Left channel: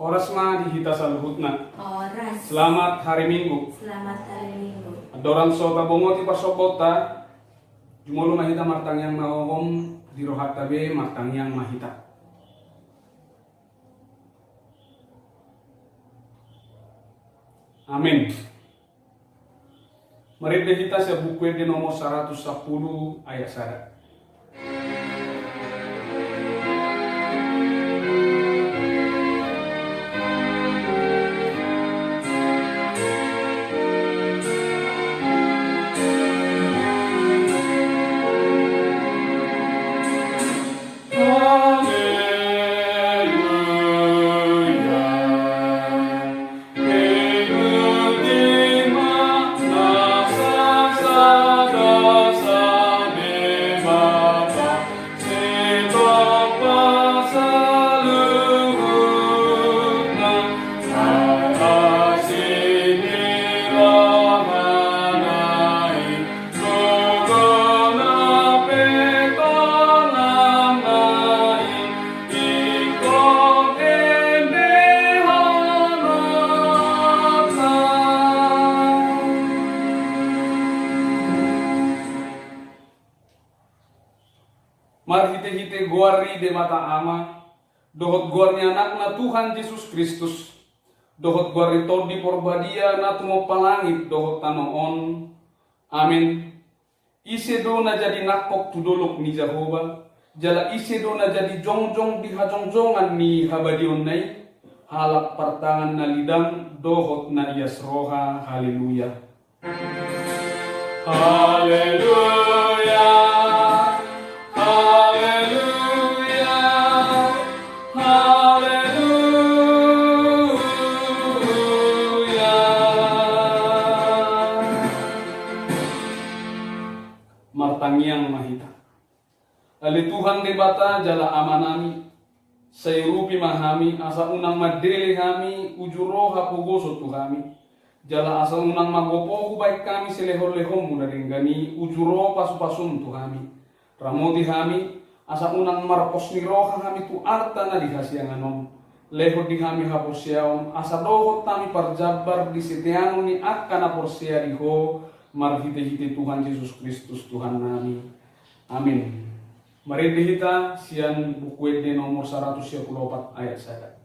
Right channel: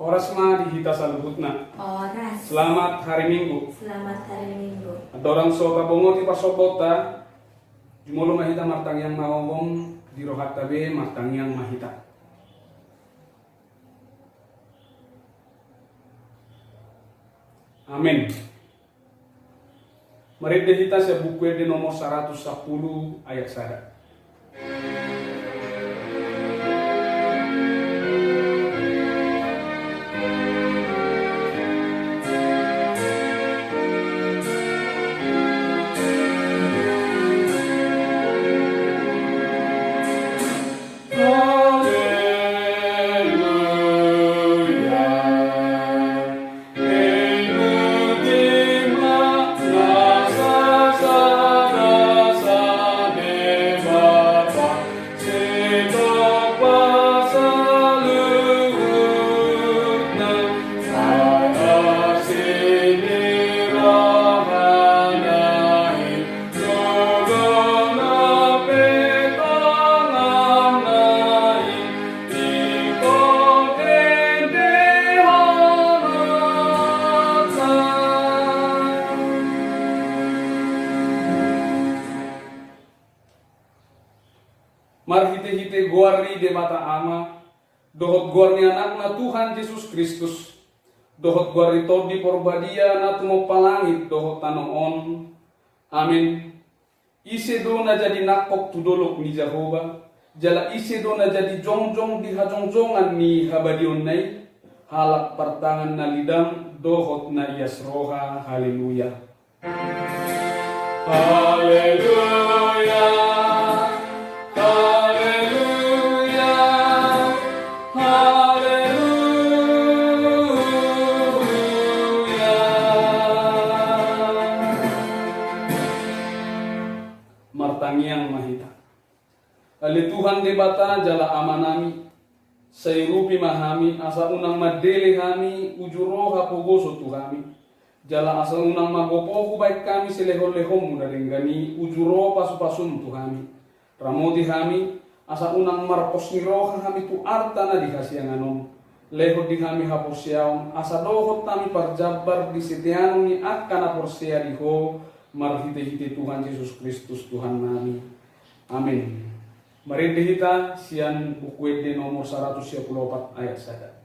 Oras ma di kita saluhutna. Oras. Selamat hari Minggu. Selamat hari Minggu. Adoran so kabongo ti pasopota. Jumolo mahita matang yang mawong di rohat tabe matang yang mahita. Amin. Mari kita sa buku di nomor 110 ayat 1. Mari hite guari de mata ama, dohot guarni anak na Tuhan Yesus Kristus, dohot guari todi porbadia na tumo palangit dohot tanoon. Amin. Ise do na jadi nakok tudolok ni Jehovah, jala ise do na jadi jongjong di hajongjongan ni habadion nai, halak partangan na lidang dohot na iasroha. Haleluya. Haleluya. Martangiang mahita. Ali Tuhan debata jala amanami, sayrupi mahami, asa unang madeli hami, ujuro hapugoso tuhami. Jala asa unang magopo baik kami selehon-lehom mudaringgani, ujuro pasu-pasum tuhami. Ramoti hami, asa unang marpos niroha hami tu arta na dihasianganom. Lehot di hami haposyaon, asa dohot tami parjabar di setiangon ni akkana porsya diho. Marhite-hite Tuhan Yesus Kristus Tuhan nami. Amin. Mari kita sian buku di nomor 124 ayat 1.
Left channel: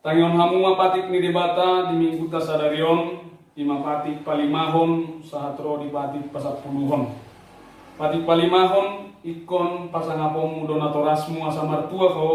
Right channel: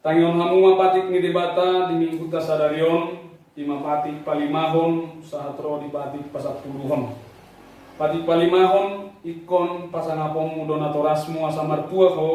Tanyon hamu mapatik ni debata di minggu tasadarion, di mapatik palimahon sahatro di patik pasapuluhon. Patik palimahon ikon pasangapong mudonatorasmu asa martua ko,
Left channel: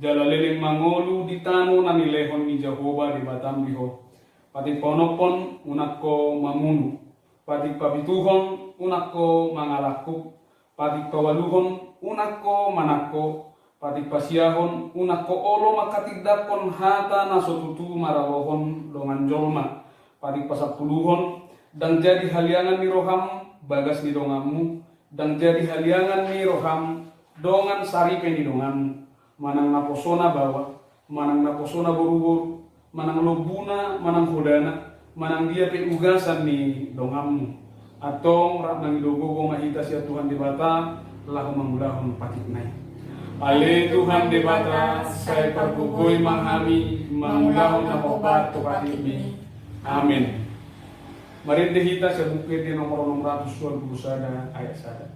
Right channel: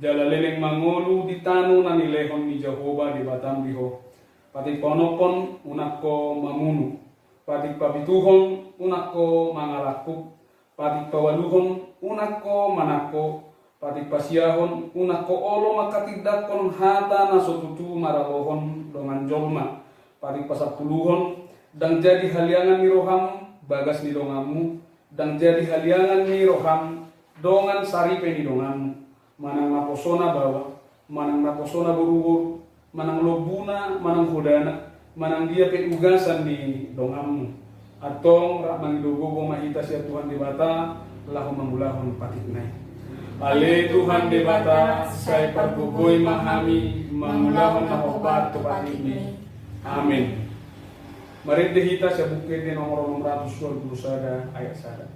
jala leleng mangolu di tano na nilehon ni Jehovah di batam diho. Patik panopon unak ko mamunu, patik pabituhon unak ko mangalakup, patik pawaluhon unak ko manako, patik pasiahon unak ko olo makatidakon hata na sotutu maralohon longan jolma. Patik pasapuluhon dan jadi haliangan ni roham bagas ni dongamu, dan jadi haliangan ni roham dongan saripe ni dongamu. Manang naposona bawa, manang naposona burubur, manang lobuna, manang hodana, manang dia pengugasan ni dongamu. Atong rak mangidogo mahita siya Tuhan di bata lahu mangulahon patik nai. Ale Tuhan debata, saya perkukui mahami, mangulahon na obat patik ni. Amin. Mari kita sa bukit di nomor 621 ayat 1.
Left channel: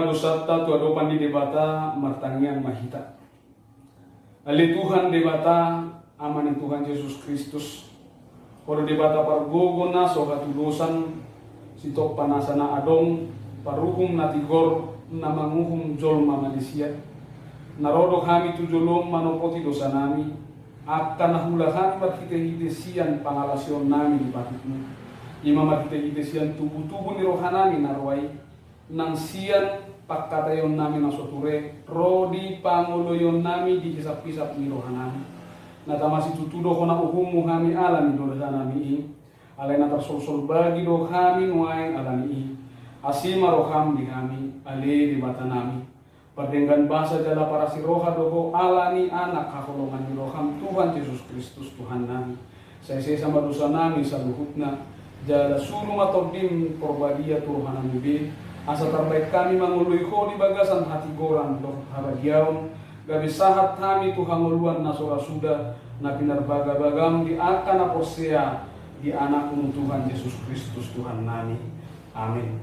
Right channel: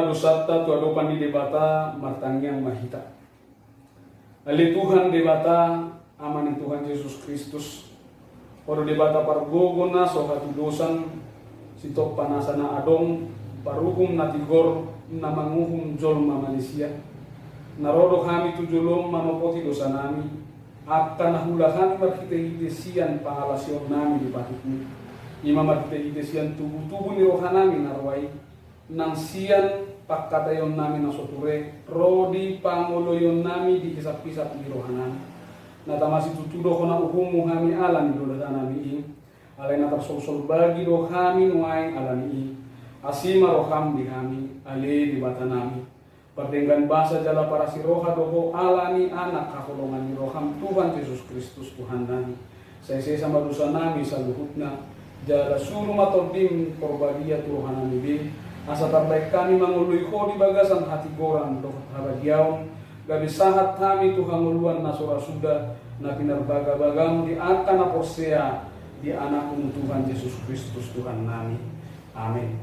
madosata tu adopan di debata martangiang mahita. Ali Tuhan debata aman Tuhan Yesus Kristus. Oro debata pargogona sokatu dosan sitok panasana adong paruhum natigor namanguhum jolma Malaysia. Narodo kami tu jolom manopoti dosa nami. Akan nahulahan markite-hitesian pangalasion nami di batikmu. Ima markite-hitesian tubuh-tubuh ni rohanami narwai. Nang sian pakatayon nami na soture. Rodi pangoloyon nami di kisap-kisap ni rohanami. Natamasi tutudo ko na uhumu kami alam ni dosa nami ini. Alay na tarsol-sol bagi do kami nuay alam ini. Asima roham di kami. Ale di bata nami. Perdenggan bahasa jala para si roha doho alani anak kakolongan ni roham Tuhan Yesus Kristus Tuhan nami. Saya sama dosa nami saluhutna. Jala sulu matobim porbadia turuhan nami bin. Asa terbaik kami mangului ko di bagasan hati goran doh haragiaon. Gadi sahat kami Tuhan nguluan nasora sudah. Na pinarbaga-bagam di akan aposea di anak Tuhan Yesus Kristus Tuhan nami. Amin.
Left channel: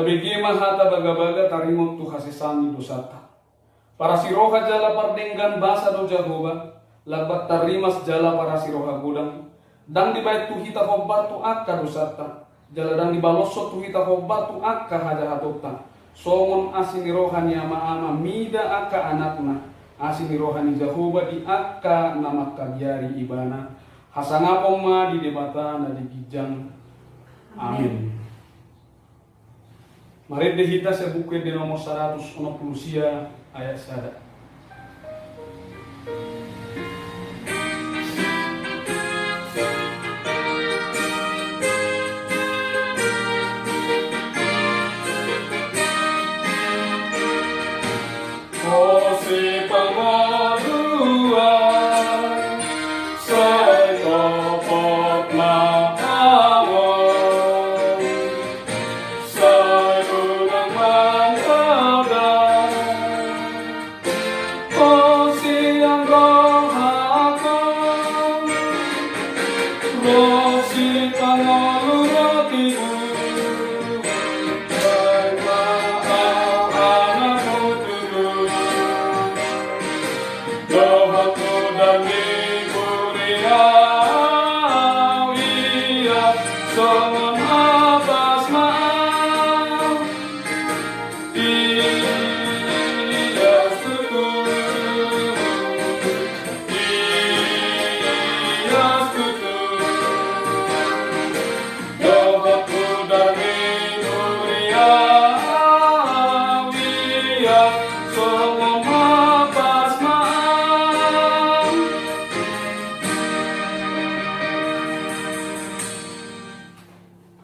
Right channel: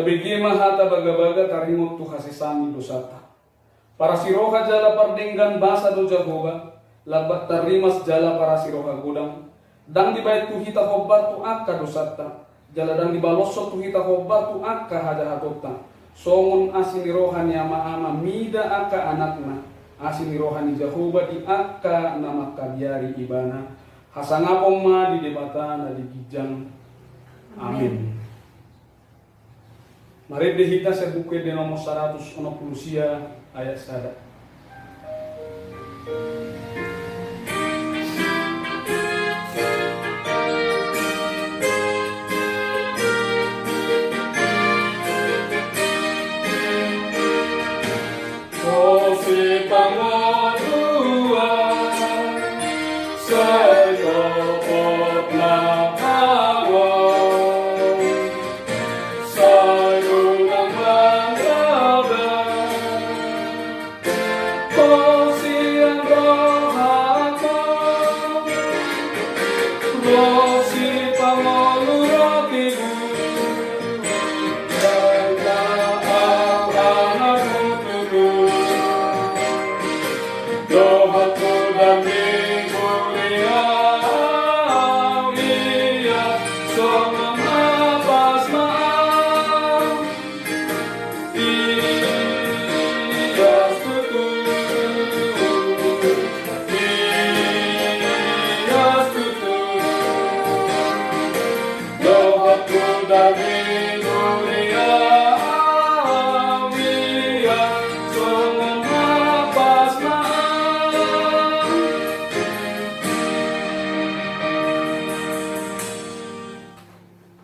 Tabigima hata baga-baga tarimot tu hasisami dosata. Para siroha jala pardenggan basa do Jehovah, labat tarimas jala para siroha gudang. Dan di bait tu hita hobar tu akka dosata. Jala dan di baloso tu hita hobar tu akka hada hatota. Songon asini rohani ama mida akka anakna. Asini rohani Jehovah di akka nama kagiari ibana. Hasangapong ma di debata na di gijang. Amin. Mari kita sa buku di nomor 160 ayat 1. Oh si pangolua sayopot na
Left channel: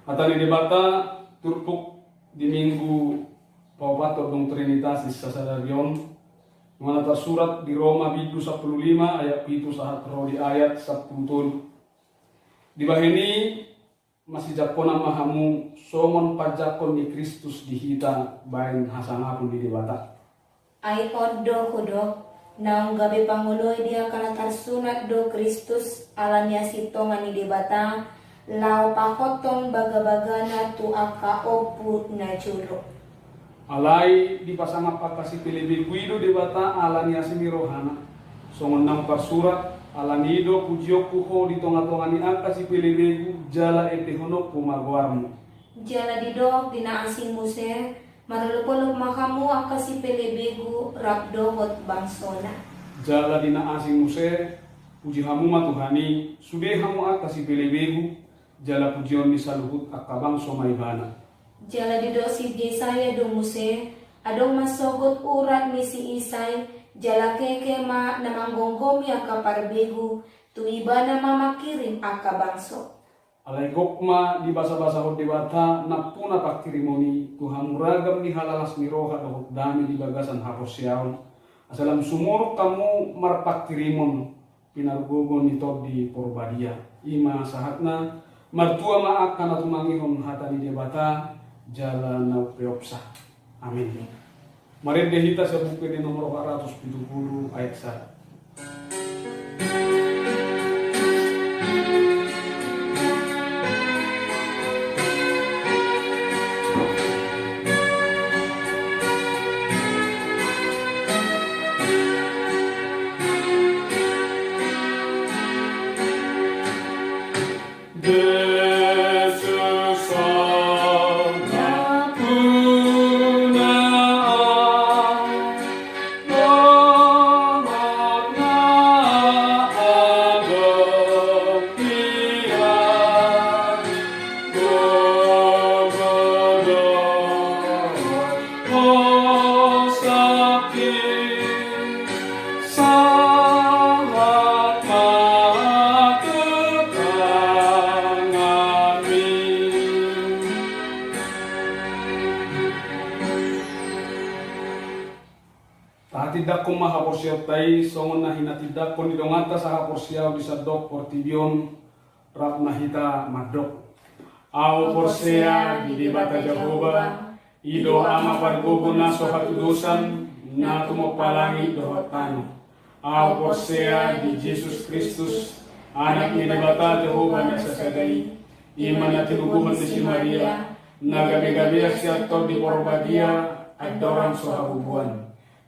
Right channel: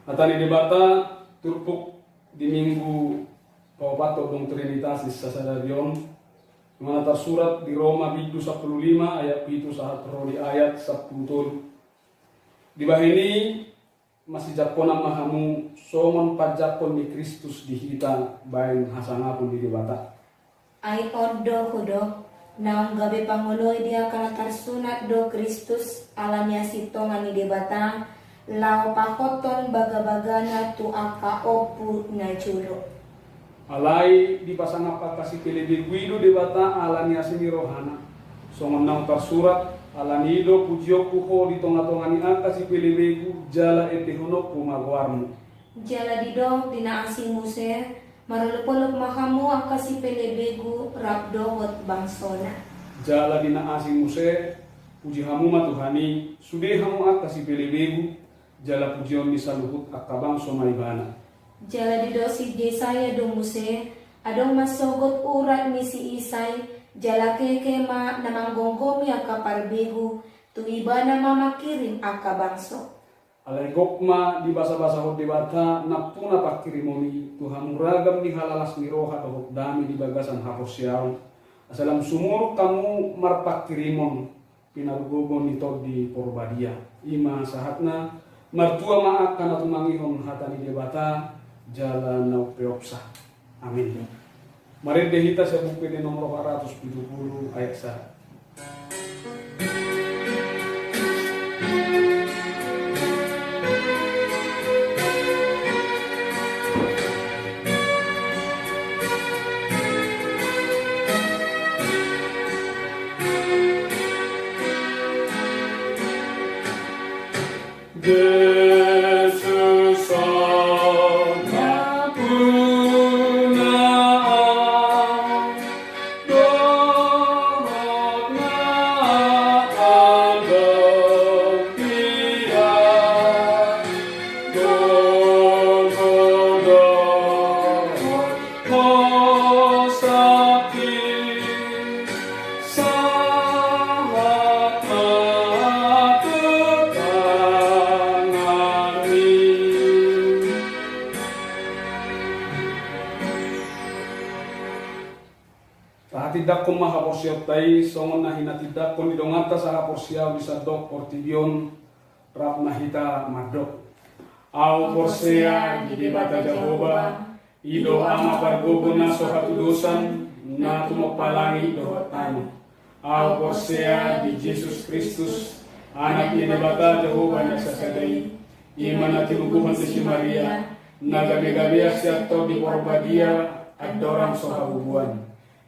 Atali debata turpuk di minggu Paupato dong Trinitatis sasadarion menata surat di Roma bidu 15 ayat itu sahat roli ayat 10 di bahini masih jakona mahamu somon pajakon di Kristus di hita bain hasanapun di debata Ay odo kudok nang gabi panguloy dia kalatar sunat do Kristus alanya sito ngani debata lao pakoton baga-bagana tu aka opu na julo. Alai di pasang apa kasih pilih di guido debata alanya sini rohana. Songon nang tersurat Alanido pujioku ho di tonga-tonga ni aka si pelebegu jala ete honok kumagwarmu. Jala didok dina asing muse, marulupulok makamu akasi pelebegu rapdohot bangsona. Jala dina asing muse, puji hamu matuhani, sude hamu aka si pelebegu, jala pujion di saluhut akabang somaibana. Jala didok si Jesaya do muse, adong masogot urat ni si Isay, jala keke ma namanggonggomi aka parbegu, tuiba na mamakirim aka bangso. Alay gokma di basa-basa hot debata na puna pakirimoni Tuhan muragam di halalas miroha kahot dami di bagasan hapos siyaw. Asalam sumuruk kamu marpakirimon pinarugogon nito di Porbadia. Ima sahatna martua maak kana tumangihon hata di debata jala naupeopsa. Amin. Mari dehita sa buku di nomor 470 ayat 1. Yesus aku naam dorot na agam dia dorot sakit sangat tidak ko mahaporsyaw tay songon na hinatidak kon didonganta sa haporsyaw bisa dok portiyon rap nahita madok aw porsea di debata Jahoba ido ama pargogo na sohatudusan na tumopalangi dohot tani aw porsea di Jesus Kristus anak ni debata Jahoba na sasadai iman na tinuguhan si Maria nagabe-gabe siya to di Porbadia at dorang sohabubuan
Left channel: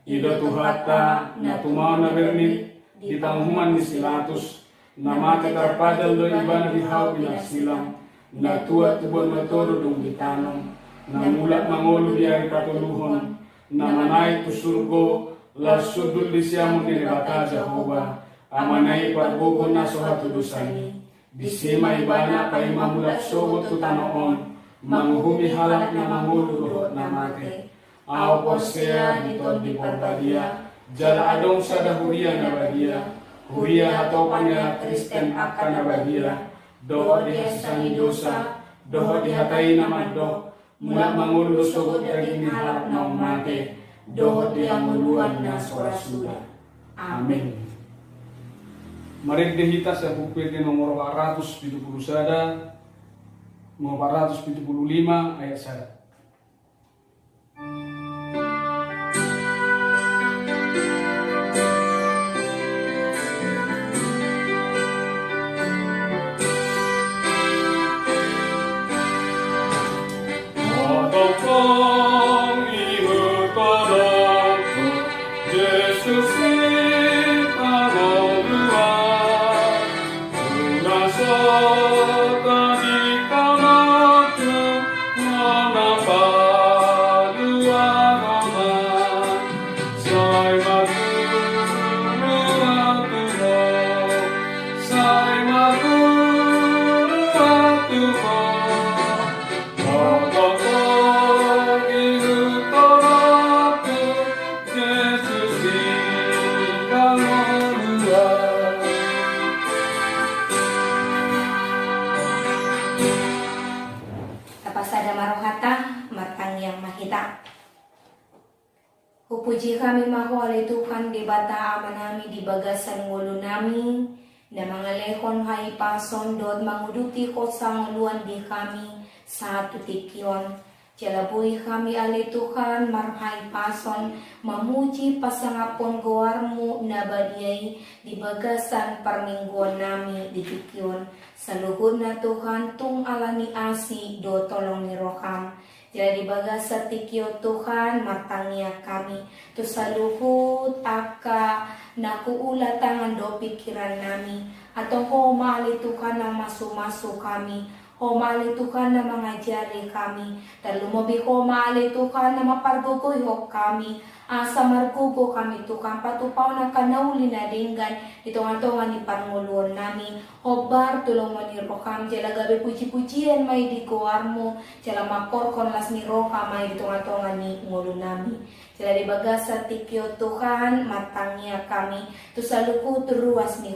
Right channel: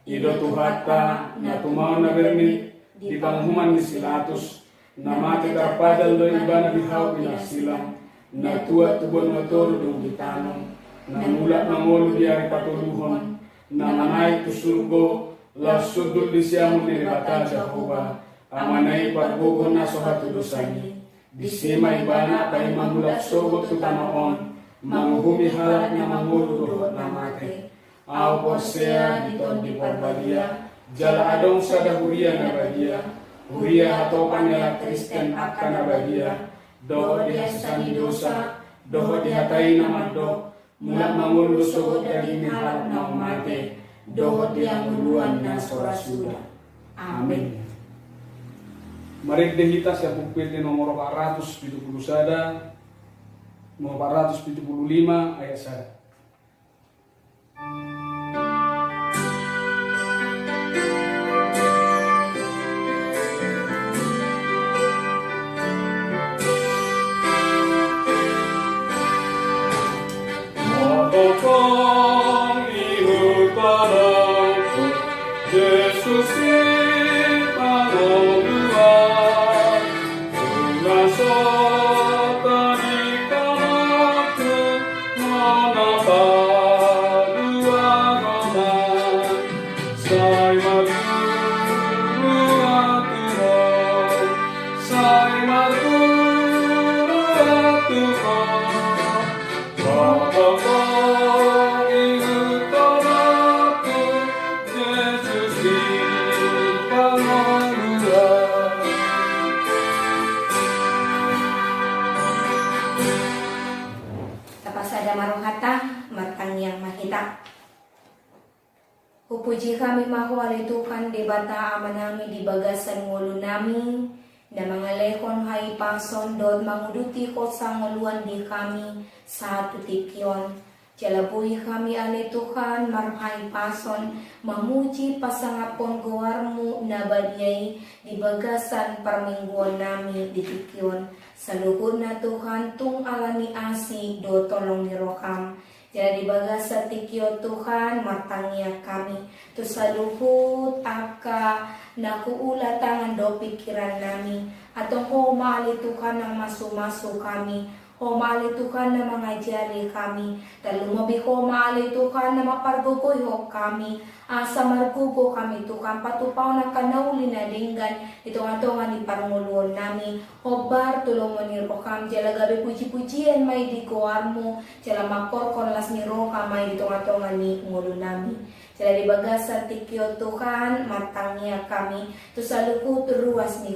Ido tuhata na tumaw na bermit di panghuman ni Silatus na makitarpadal do iba na bihaw pinagsilang na tuwa tubon na toro dong gitanong na mulat mangolo di ay patuluhon na manay tusulgo lasudul di siya mo dinibata Jahoba amanay pagbugon na so hatudusan di sima iba na kay mamulat sogot tutamaon manghumihalak na mamuludo na mate Aw porsea diton di Porbadia, jala adong sa dahuria na bagia, huria atau panela Kristen akan na bagia, doho dihasani dosa, doho dihatai na madok, mula mangulo sugot dari mihalap na umate, doho dianguluan na sorasuda. Amin. Mari dehita sa buku di nomor 471, nomor 475 ayat 1. Yesus Puji kami mahu alitukan di bata amanami di bagasan ngulu nami na mga lekon hai pason dod manguduti ko sa nguluan di kami sa tutikyon. Jalabuhi kami alitukan marpai pason mamuji pasangapon gowarmu na badyay di bagasan parmingguan nami di tikyon. Sa luhod na Tuhan tung alani asi do tolong nirokam. Jadi bagas sa tikyo Tuhan matangya kami tu sa luhut aka nakuula tangan do pikiran nami, atong ho maali Tuhan na masu-masu kami, ho maali Tuhan na mangajari kami, talumabi ho maali Tuhan na mapargugoy ho kami, asa margugo kami Tuhan, patupaw na kanauli na dinggan, ito nga to nga ni Panguluan nami, hobar tulong mo ni Rokam, jala gabi puji-pujian may di kuar mo, jala makorkon las ni Rokam, may ito nga to nga ni Ngulo nami. Jala di bagas sa tikyo Tuhan, matangnya kami, tu saluku ruas ni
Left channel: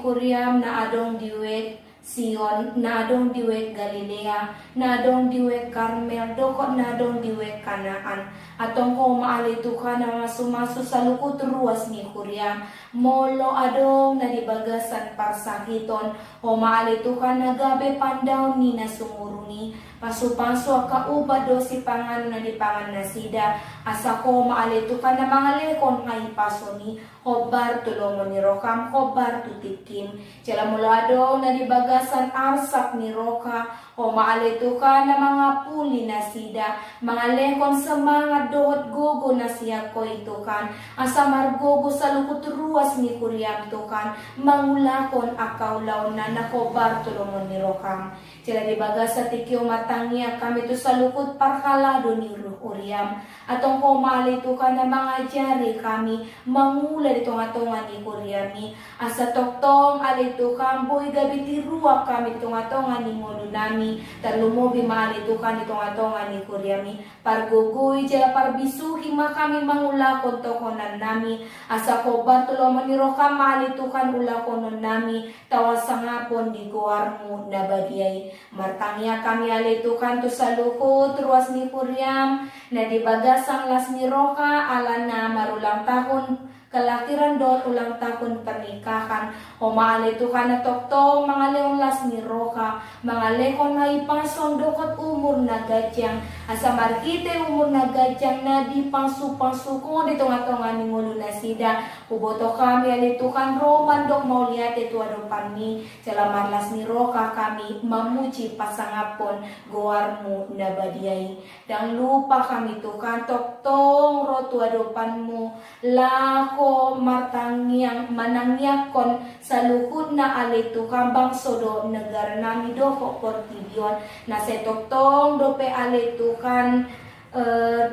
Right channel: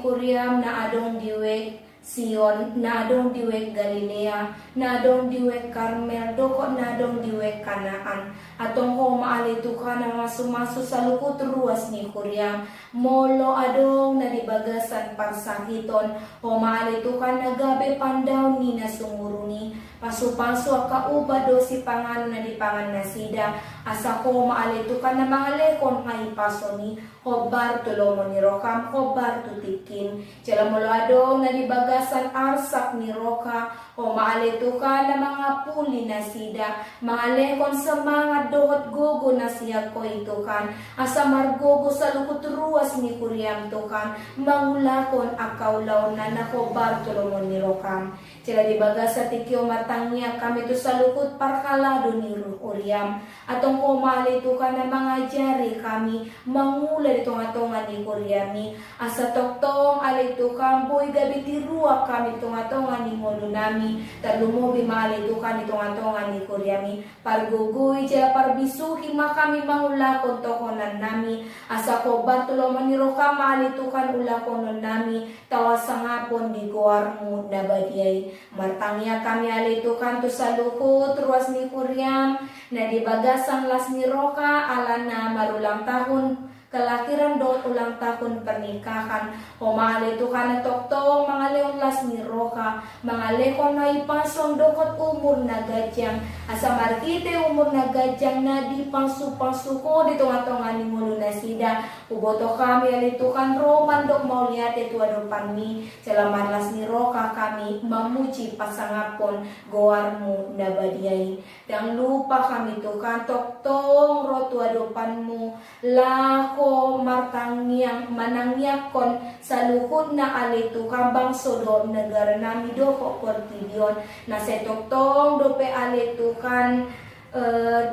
Kuriam na adong diwek Sion, na adong diwek Galilea, na adong diwek Carmel, doko na adong diwek Kanaan. Atong ho maali Tuhan na masumaso sa lukot ruas ni Kuriam, molo adong na dibagasan parsakiton, ho maali Tuhan na gabi pandaw ni nasumuruni, paso-paso kauba do si pangan na di pangan na sida, asa ko maali Tuhan na mga lekon ngay paso ni, hobar tulomo ni Rokam, hobar tutikim, jala molo adong na dibagasan arsak ni Roka, o maalitukan na mga puli na sida, mga lekon sa mga dohot gogo na siya ko itukan, asa margogo sa lukot ruas ni Kuriam tukan, mangulakon akaulaw na nakobar tulungon ni Rokam. Sila dibaga sa tikyo matangya kami to sa lukot parkalado ni Kuriam, atong ko maalitukan na mga jari kami, mangula dito nga tonga ni Kuriami, asa toktong alitukan, boy gabi tiruak kami ito nga tonga ni Ngolo nami, talumobi maalitukan ito nga tonga ni Kuriami, pargugoy jala parbisuhi makami mangulakon tokonan nami, asa ko batuloman ni Roka maalitukan ulakonon nami, tawas sa ngapon di guar mo na badiyay, martangya kami alitukan to sa lukot ruas ni Kuriam, na dibagasang las ni Roka ala na marulang tahon kalakiran do ulang tahun pernikahan, o mga letukan na toktong mga leonlas ni Roka, mga lekon na ipason dokot umur na gadyang, asa markite umur na gadyang na di pangsu-pangsu ko dito nga tonga ni Ngulo na sida, uboto kami alitukan Roman dok mauliat ito adopan ni, salamarlas ni Roka kami mamuji pasangapon goar mo na badiyay, dang lupa kami tukan toktong rotu adopan mo, lako martangyang manangyakon sa lukod na alito kambang sodo negara nami do ko kortibyon na setoktong dope alitukan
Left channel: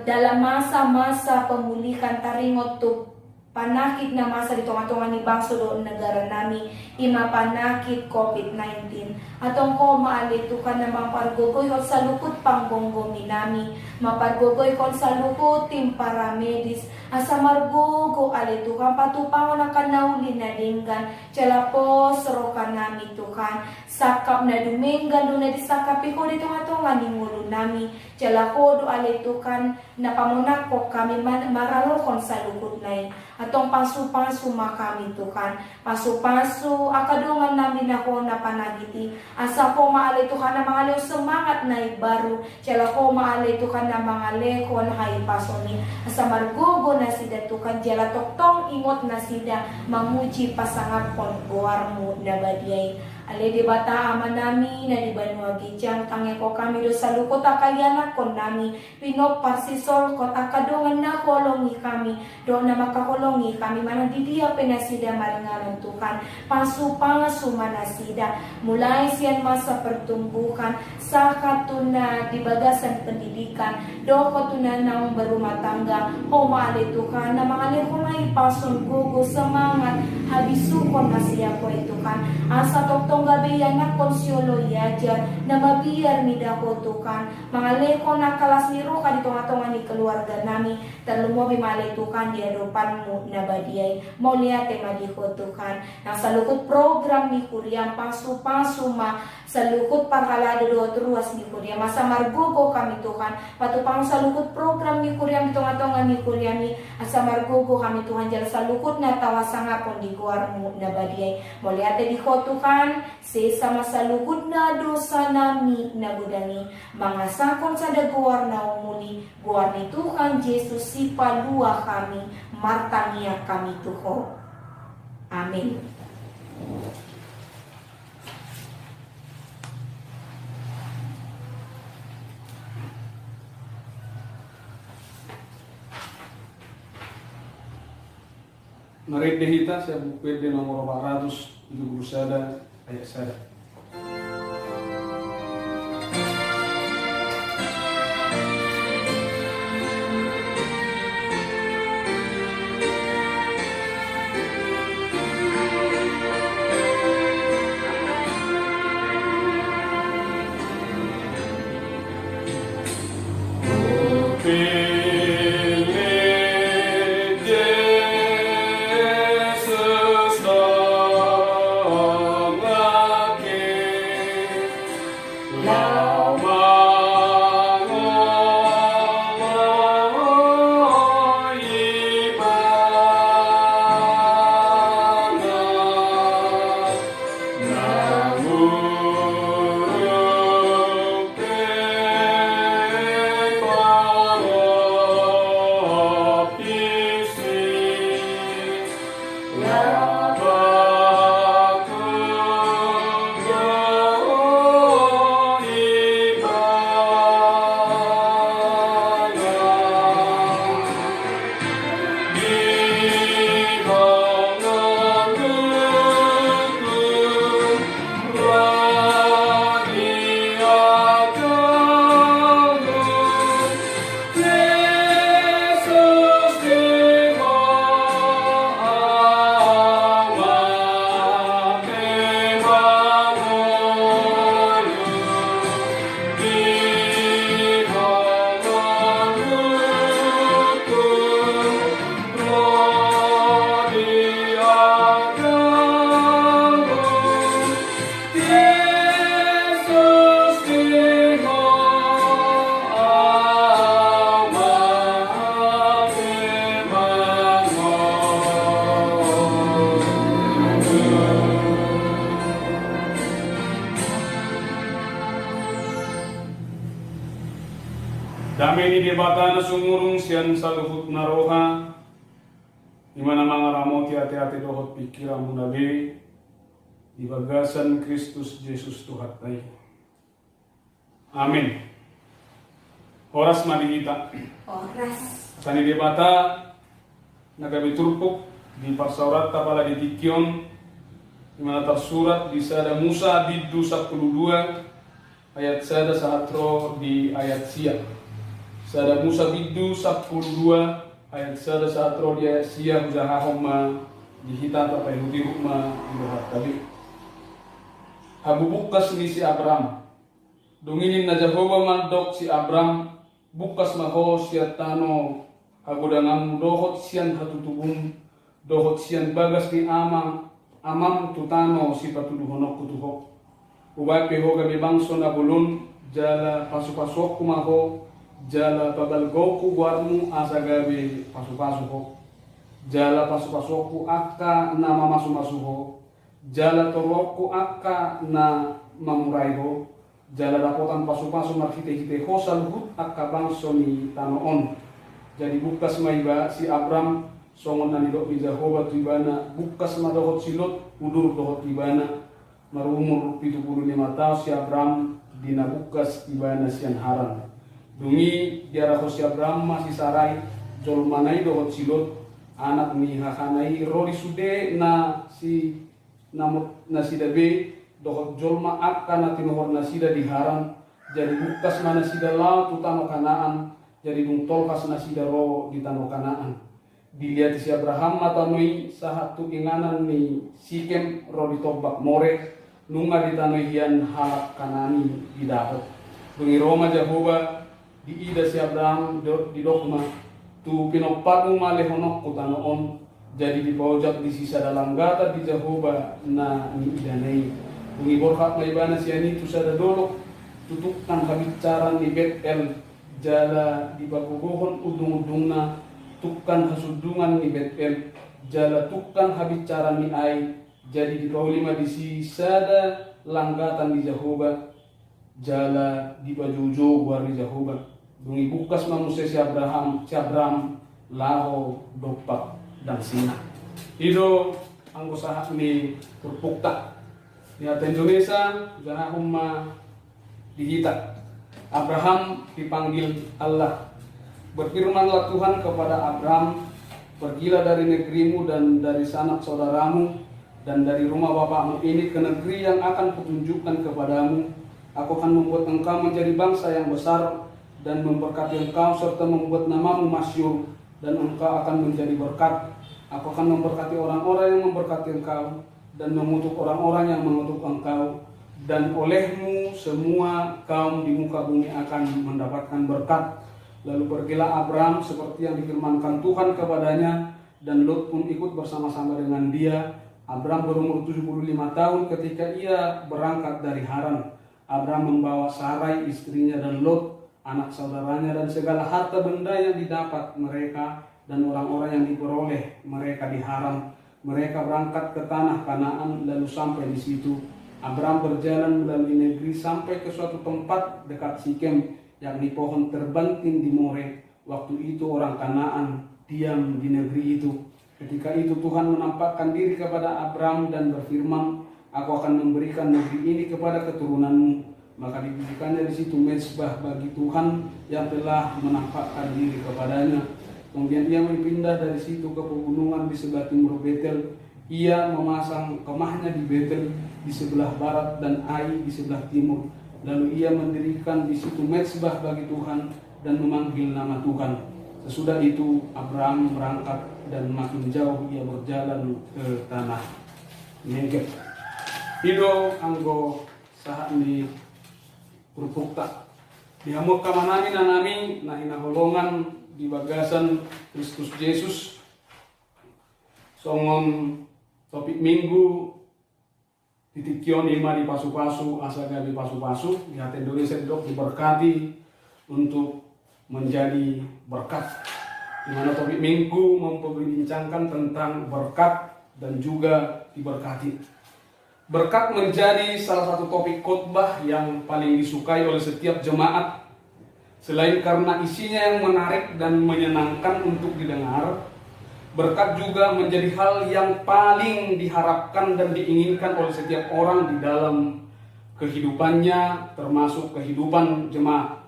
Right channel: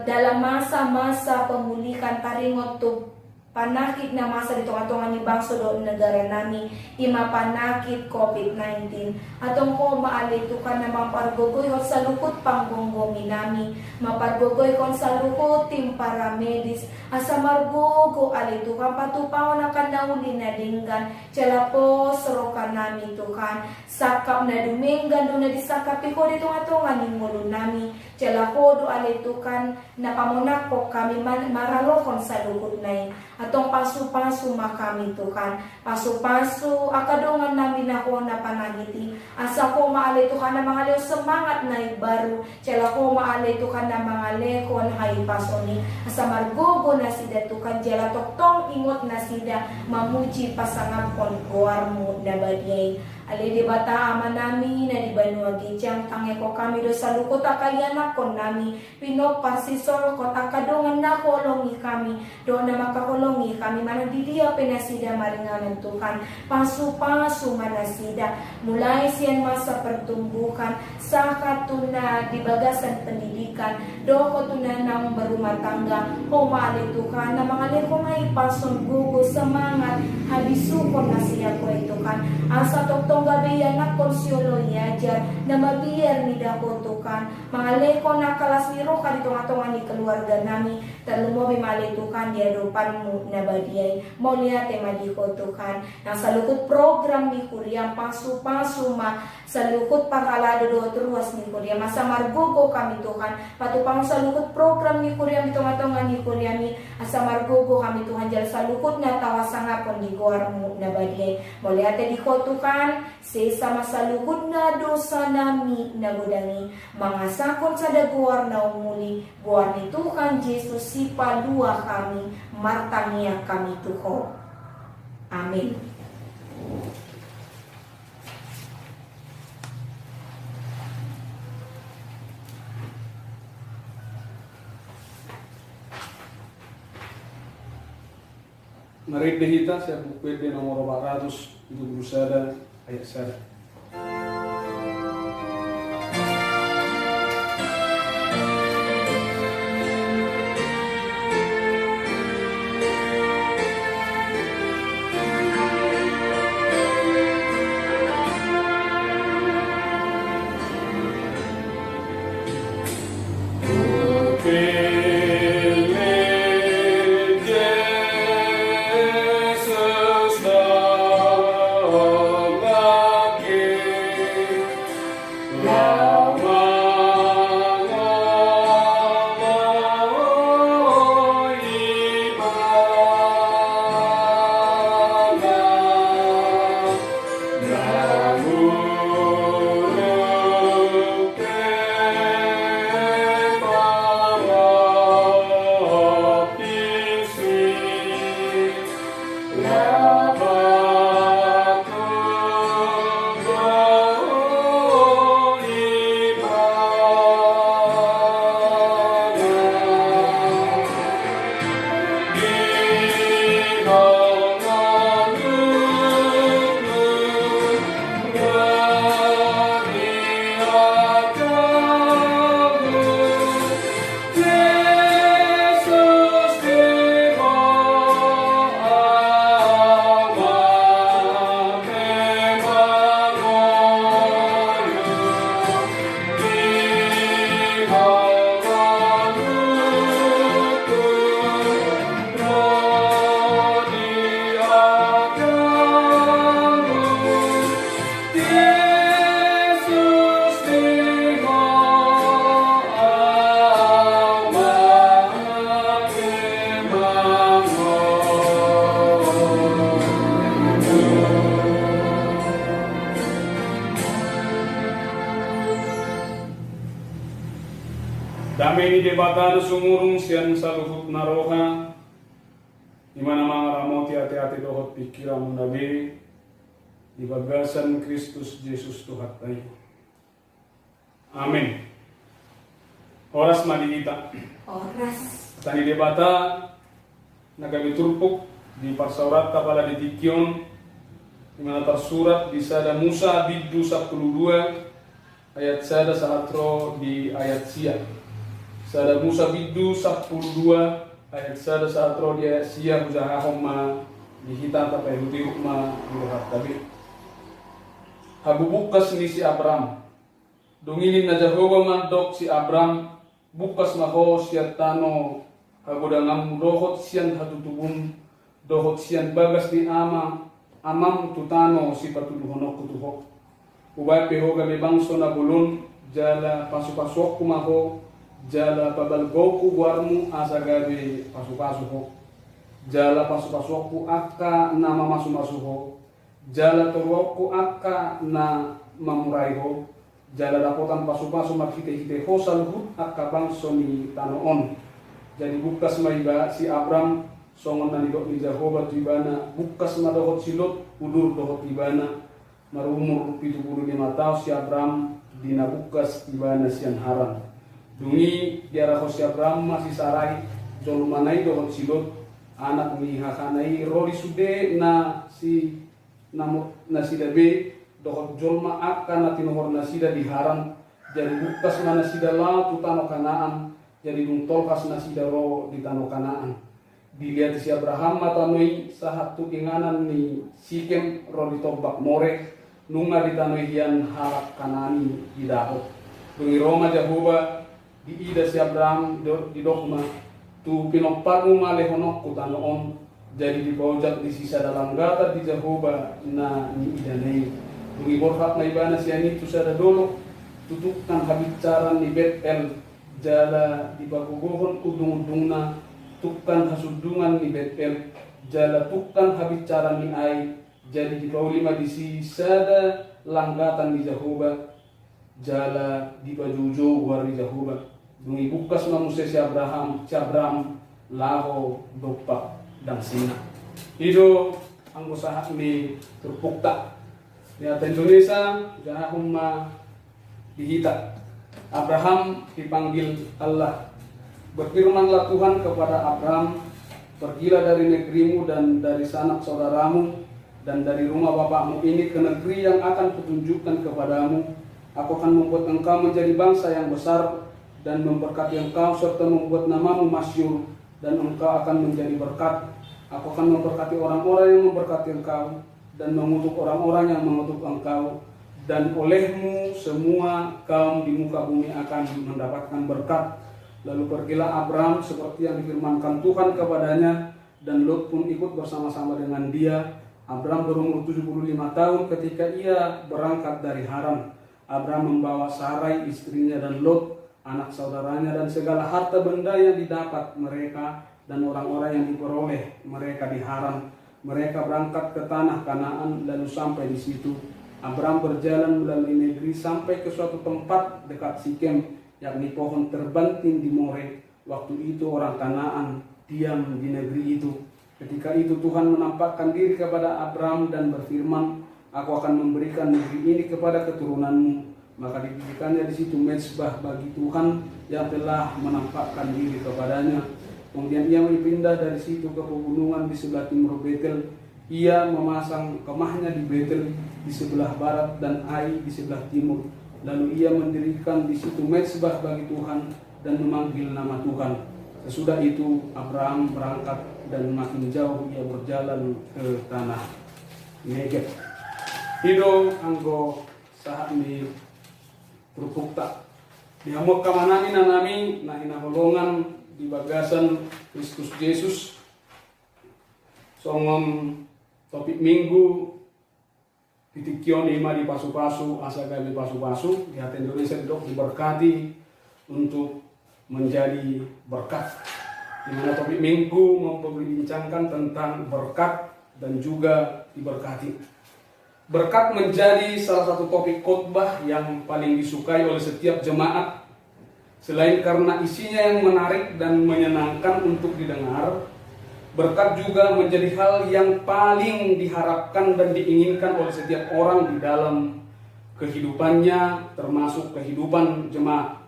dalam masa-masa pemulihan taringot to panakit na masa dito nga ni bangso do negara nami ima panakit COVID-19 atong ko maalitukan na mapargogoy sa lukod panggonggomi nami mapargogoy kon sa lukod tim paramedis asa margogo alitukan patupaw na kanauli na dinggan tiyalapos roka nami tukan sakap na duminggan do na disakapi ko dito nga ni Ngulo nami tiyalako do alitukan na pamunakok kami maralokon sa lukod na atong pasu-pasu makami tukan pasu-pasu akadungan namin ako na panagiti asa ko maalitukan na mga lew semangat na ibaru tiyala ko maalitukan na mga lekon hay pasoni asa margogo na sida tukan jala toktong imot na sida mamuji pasangapon buar mo na badiyay ali di bata ama nami na di banuagi tiyang tangi ko kami do sa lukot akayanak kon nami pinok parsisol kon akadungan na kolongi kami do na makakolongi kami manadidiya penasida maringanan tukan pasu-pasu manasida mulai siyan masa pertumbuhan sa katuna di bagasan pendidikan do katuna naong berumah tangga o maalitukan na mga lekong ay pason gugo semangat habisukon na siya ko itukan asa toktong gabi na konsyolo yajar na mabiyar ni dako tukan mga lekong na kalas ni Roka dito nga ni keluarga nami talumobi malitukan di adopan mo na badiyay mauliate madikotukan nasa lukot program ni Kuriam pasu-pasu ma sa lukot pakalado do ruas ni Kuriam masa margogo kami tukan patupang sa lukot program ni Kuriam ito nga ni Kuriam ni asa margogo kami tukan dyan sa lukot na tawasangapon di guar mo na badiyay mauliate dikotukan si sama sa lukot na dosa nami na gudani mga sakon sa daguar na umuli guar ni Tuhan Jesus si palua kami martangya kami tuho. Amin. Mari behita saya buku PD nomor 471 ayat 1. Damai ni debatan sumurung sian saluhut naroha di mana mangaramo hati-hati dohot pikiran munabi di bagasan Kristus Yesus Tuhan tayo. Amin. Oras mali kita. Oras. Tani debata nagabiturpuk di parsaurat tapala di Tikyon di mana tersurat di Sada Musa biddu 12 ayat sada sahatro di ayat siang. Sada Musa biddu 12 ayat sada sahatro di ayat siang jahahom ma dihita tapai hudiruk ma dirohat tabi. Habubukas ni si Abraham. Dunginin na Jehovah mandok si Abraham bukas maho siya tano hagudangan dohot siyan hatutubum dohot siyan bagas ni amam tutano si patuduhonok kutuhok ubay pehoga mi bangso na bulun jala pasupasok kumaho jala pabalgo ku warmu asagabi pasupasuho jala pasupasokku akka na mamasumasuho jala torokku akka na mamuraiho jala dapotan pasu-pasu makite-kite hosal hut akka bangso ni tanoon. Jadi bukas maiba si Abram songon na nidok ni Jehovah tibana bukas madohot silot udur dohot tibana marumur 75 tahun si Abram dina bukas tibana sian haram. Dungi diarah si Abram masih sarai jol manai dohot silot anak ni hakanai rodi sude na si dabe dohot jolma akka na tinohor nasida diharam jadi bukas mana sida lao tutano kanaan jadi tolkas nasida ro di tano kanaan dilihat si Abraham matanoi sahatu inganan ni Sikem ro ditobak more nunga di tano hian halak kanani di dahot dungi Roma Jehovah di ida si Abraham di dokma tu pinoparu male honok ku tano on jadi dipojak di sisa dalam gata di Jehovah na ni idanei Dungi borhak maibana siani tu sada dolok tutukkan habicaran di Betel jala di pagugohon udung-udungna tukkan kasudungan di Betel jala tukkan habicaran ni ai jadi di paulima di sisada langgatan di Jehovah jala di pajujo di Jehovah dungi bukas manusia si Abraham laho dopak dan sina itu anggosaha ni terpukta di atas Indonesia jangan umma dihita. Abraham dipanggil Allah. Berfirmanlah Tuhan kepada Abraham, Pergilah dari negerimu dan dari sanak saudaramu dan dari rumah bapakmu ini ke negeri yang akan kutunjukkan kepadamu. Aku akan membuat engkau menjadi bangsa yang besar dan memberkati engkau serta membuat namamu masyhur, dan engkau akan menjadi berkat. Aku akan memberkati orang-orang yang memberkati engkau dan mengutuk orang-orang yang mengutuk engkau, dan olehmu semua kaum di muka bumi akan mendapatkan berkat. Lalu pergilah Abram seperti yang difirmankan Tuhan kepadanya, dan Lot pun ikut bersama-sama dengan dia. Abram berumur 75 tahun ketika ia berangkat dari Haran. Abram membawa Sarai istrinya dan Lot anak saudaranya dan segala harta benda yang didapat mereka dan orang-orang yang diperoleh mereka di Haran. Mereka berangkat ke tanah Kanaan lalu sampai di situ. Abram berjalan melalui negeri sampai ke suatu tempat dekat Sikem, yakni pohon terbanting di More. Waktu itu orang Kanaan diam di negeri itu. Ketika itu Tuhan menampakkan diri kepada Abram dan berfirman, "Aku akan memberikan negeri ini kepada keturunanmu." Maka didirikannya di situ mezbah bagi Tuhan yang telah menampakkan diri kepadanya. Kemudian ia pindah dari situ ke pegunungan di sebelah timur Betel. Ia memasang kemahnya di Betel di sebelah barat dan Ai di sebelah timur. Lalu ia mendirikan di situ mezbah bagi Tuhan dan memanggil nama Tuhan. Sesudah itu Abraham berangkat dan makin jauh ia berjalan ke tanah Negeb. Pido anggo saat ni Purpukta dihamuk kamanani nanami na hinaholongan di bagasan Kristus Yesus. Songom topik minggu titikyon ima di pasu-pasu asaga di pasu-pasu di hati Indonesia dok diberkati untuk menjadi berkat. Di mana topik minggu memperbincangkan tentang berkat dan juga diberkati. Berkat menjadi salah satu topik khotbah yang paling disukai oleh setiap jemaat. Selain karena isinya yang menarik dan menyenangkan untuk didengar, berkat juga menjadi hal yang paling diharapkan dan diinginkan oleh setiap orang di dalam kehidupannya, termasuk kehidupan jemaat.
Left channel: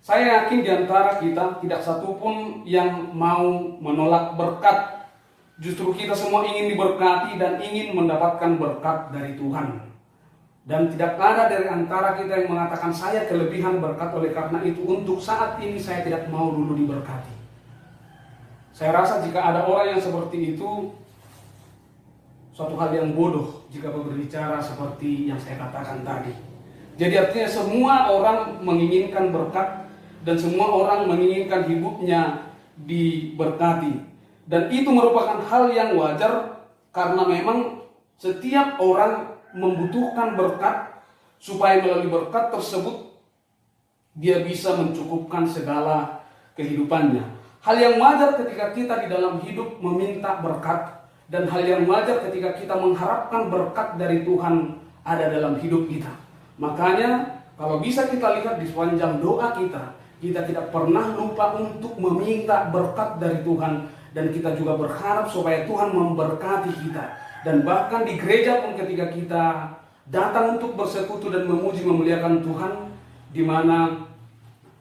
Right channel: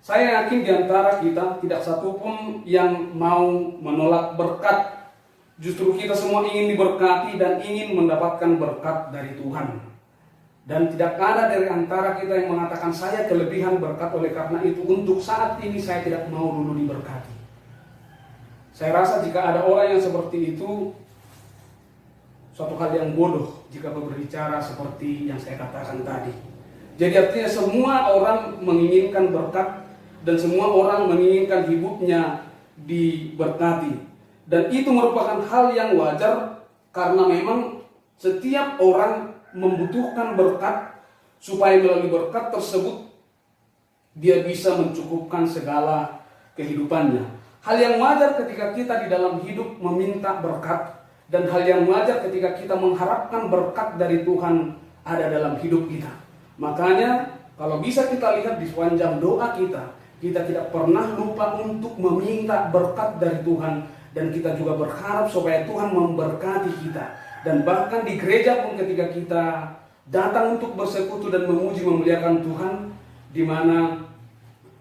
Saya yakin di antara kita tidak satupun yang mau menolak berkat. Justru kita semua ingin diberkati dan ingin mendapatkan berkat dari Tuhan. Dan tidak ada dari antara kita yang mengatakan saya kelebihan berkat, oleh karena itu untuk saat ini saya tidak mau dulu diberkati. Saya rasa jika ada orang yang seperti itu, suatu hal yang bodoh jika berbicara seperti yang saya katakan tadi. Jadi artinya semua orang menginginkan berkat dan semua orang menginginkan hidupnya diberkati. Dan itu merupakan hal yang wajar karena memang setiap orang membutuhkan berkat supaya melalui berkat tersebut dia bisa mencukupkan segala kehidupannya. Hal yang wajar ketika kita di dalam hidup meminta berkat, dan hal yang wajar ketika kita mengharapkan berkat dari Tuhan ada dalam hidup kita. Makanya kalau bisa kita lihat di sepanjang doa kita tidak pernah lupa untuk meminta berkat dari Tuhan. Dan kita juga berharap supaya Tuhan memberkati kita. Dan bahkan di gereja pun ketika kita datang untuk bersekutu dan memuji memuliakan Tuhan, di mana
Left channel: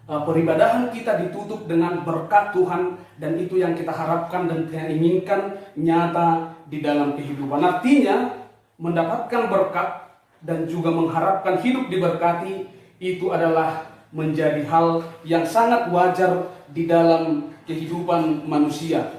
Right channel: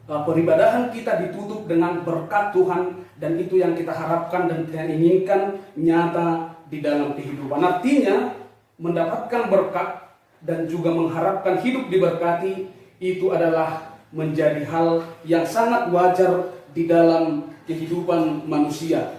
peribadahan kita ditutup dengan berkat Tuhan, dan itu yang kita harapkan dan kita inginkan nyata di dalam kehidupan. Artinya mendapatkan berkat dan juga mengharapkan hidup diberkati itu adalah menjadi hal yang sangat wajar di dalam kehidupan manusia.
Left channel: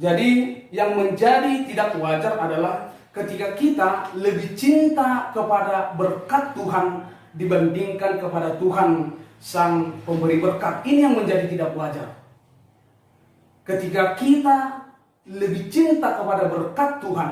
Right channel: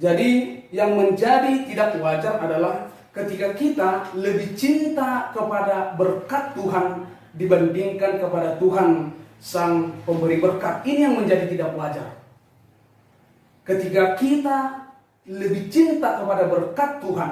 Jadi yang menjadi tidak wajar adalah ketika kita lebih cinta kepada berkat Tuhan dibandingkan kepada Tuhan Sang Pemberi berkat. Ini yang menjadi tidak wajar. Ketika kita lebih cinta kepada berkat Tuhan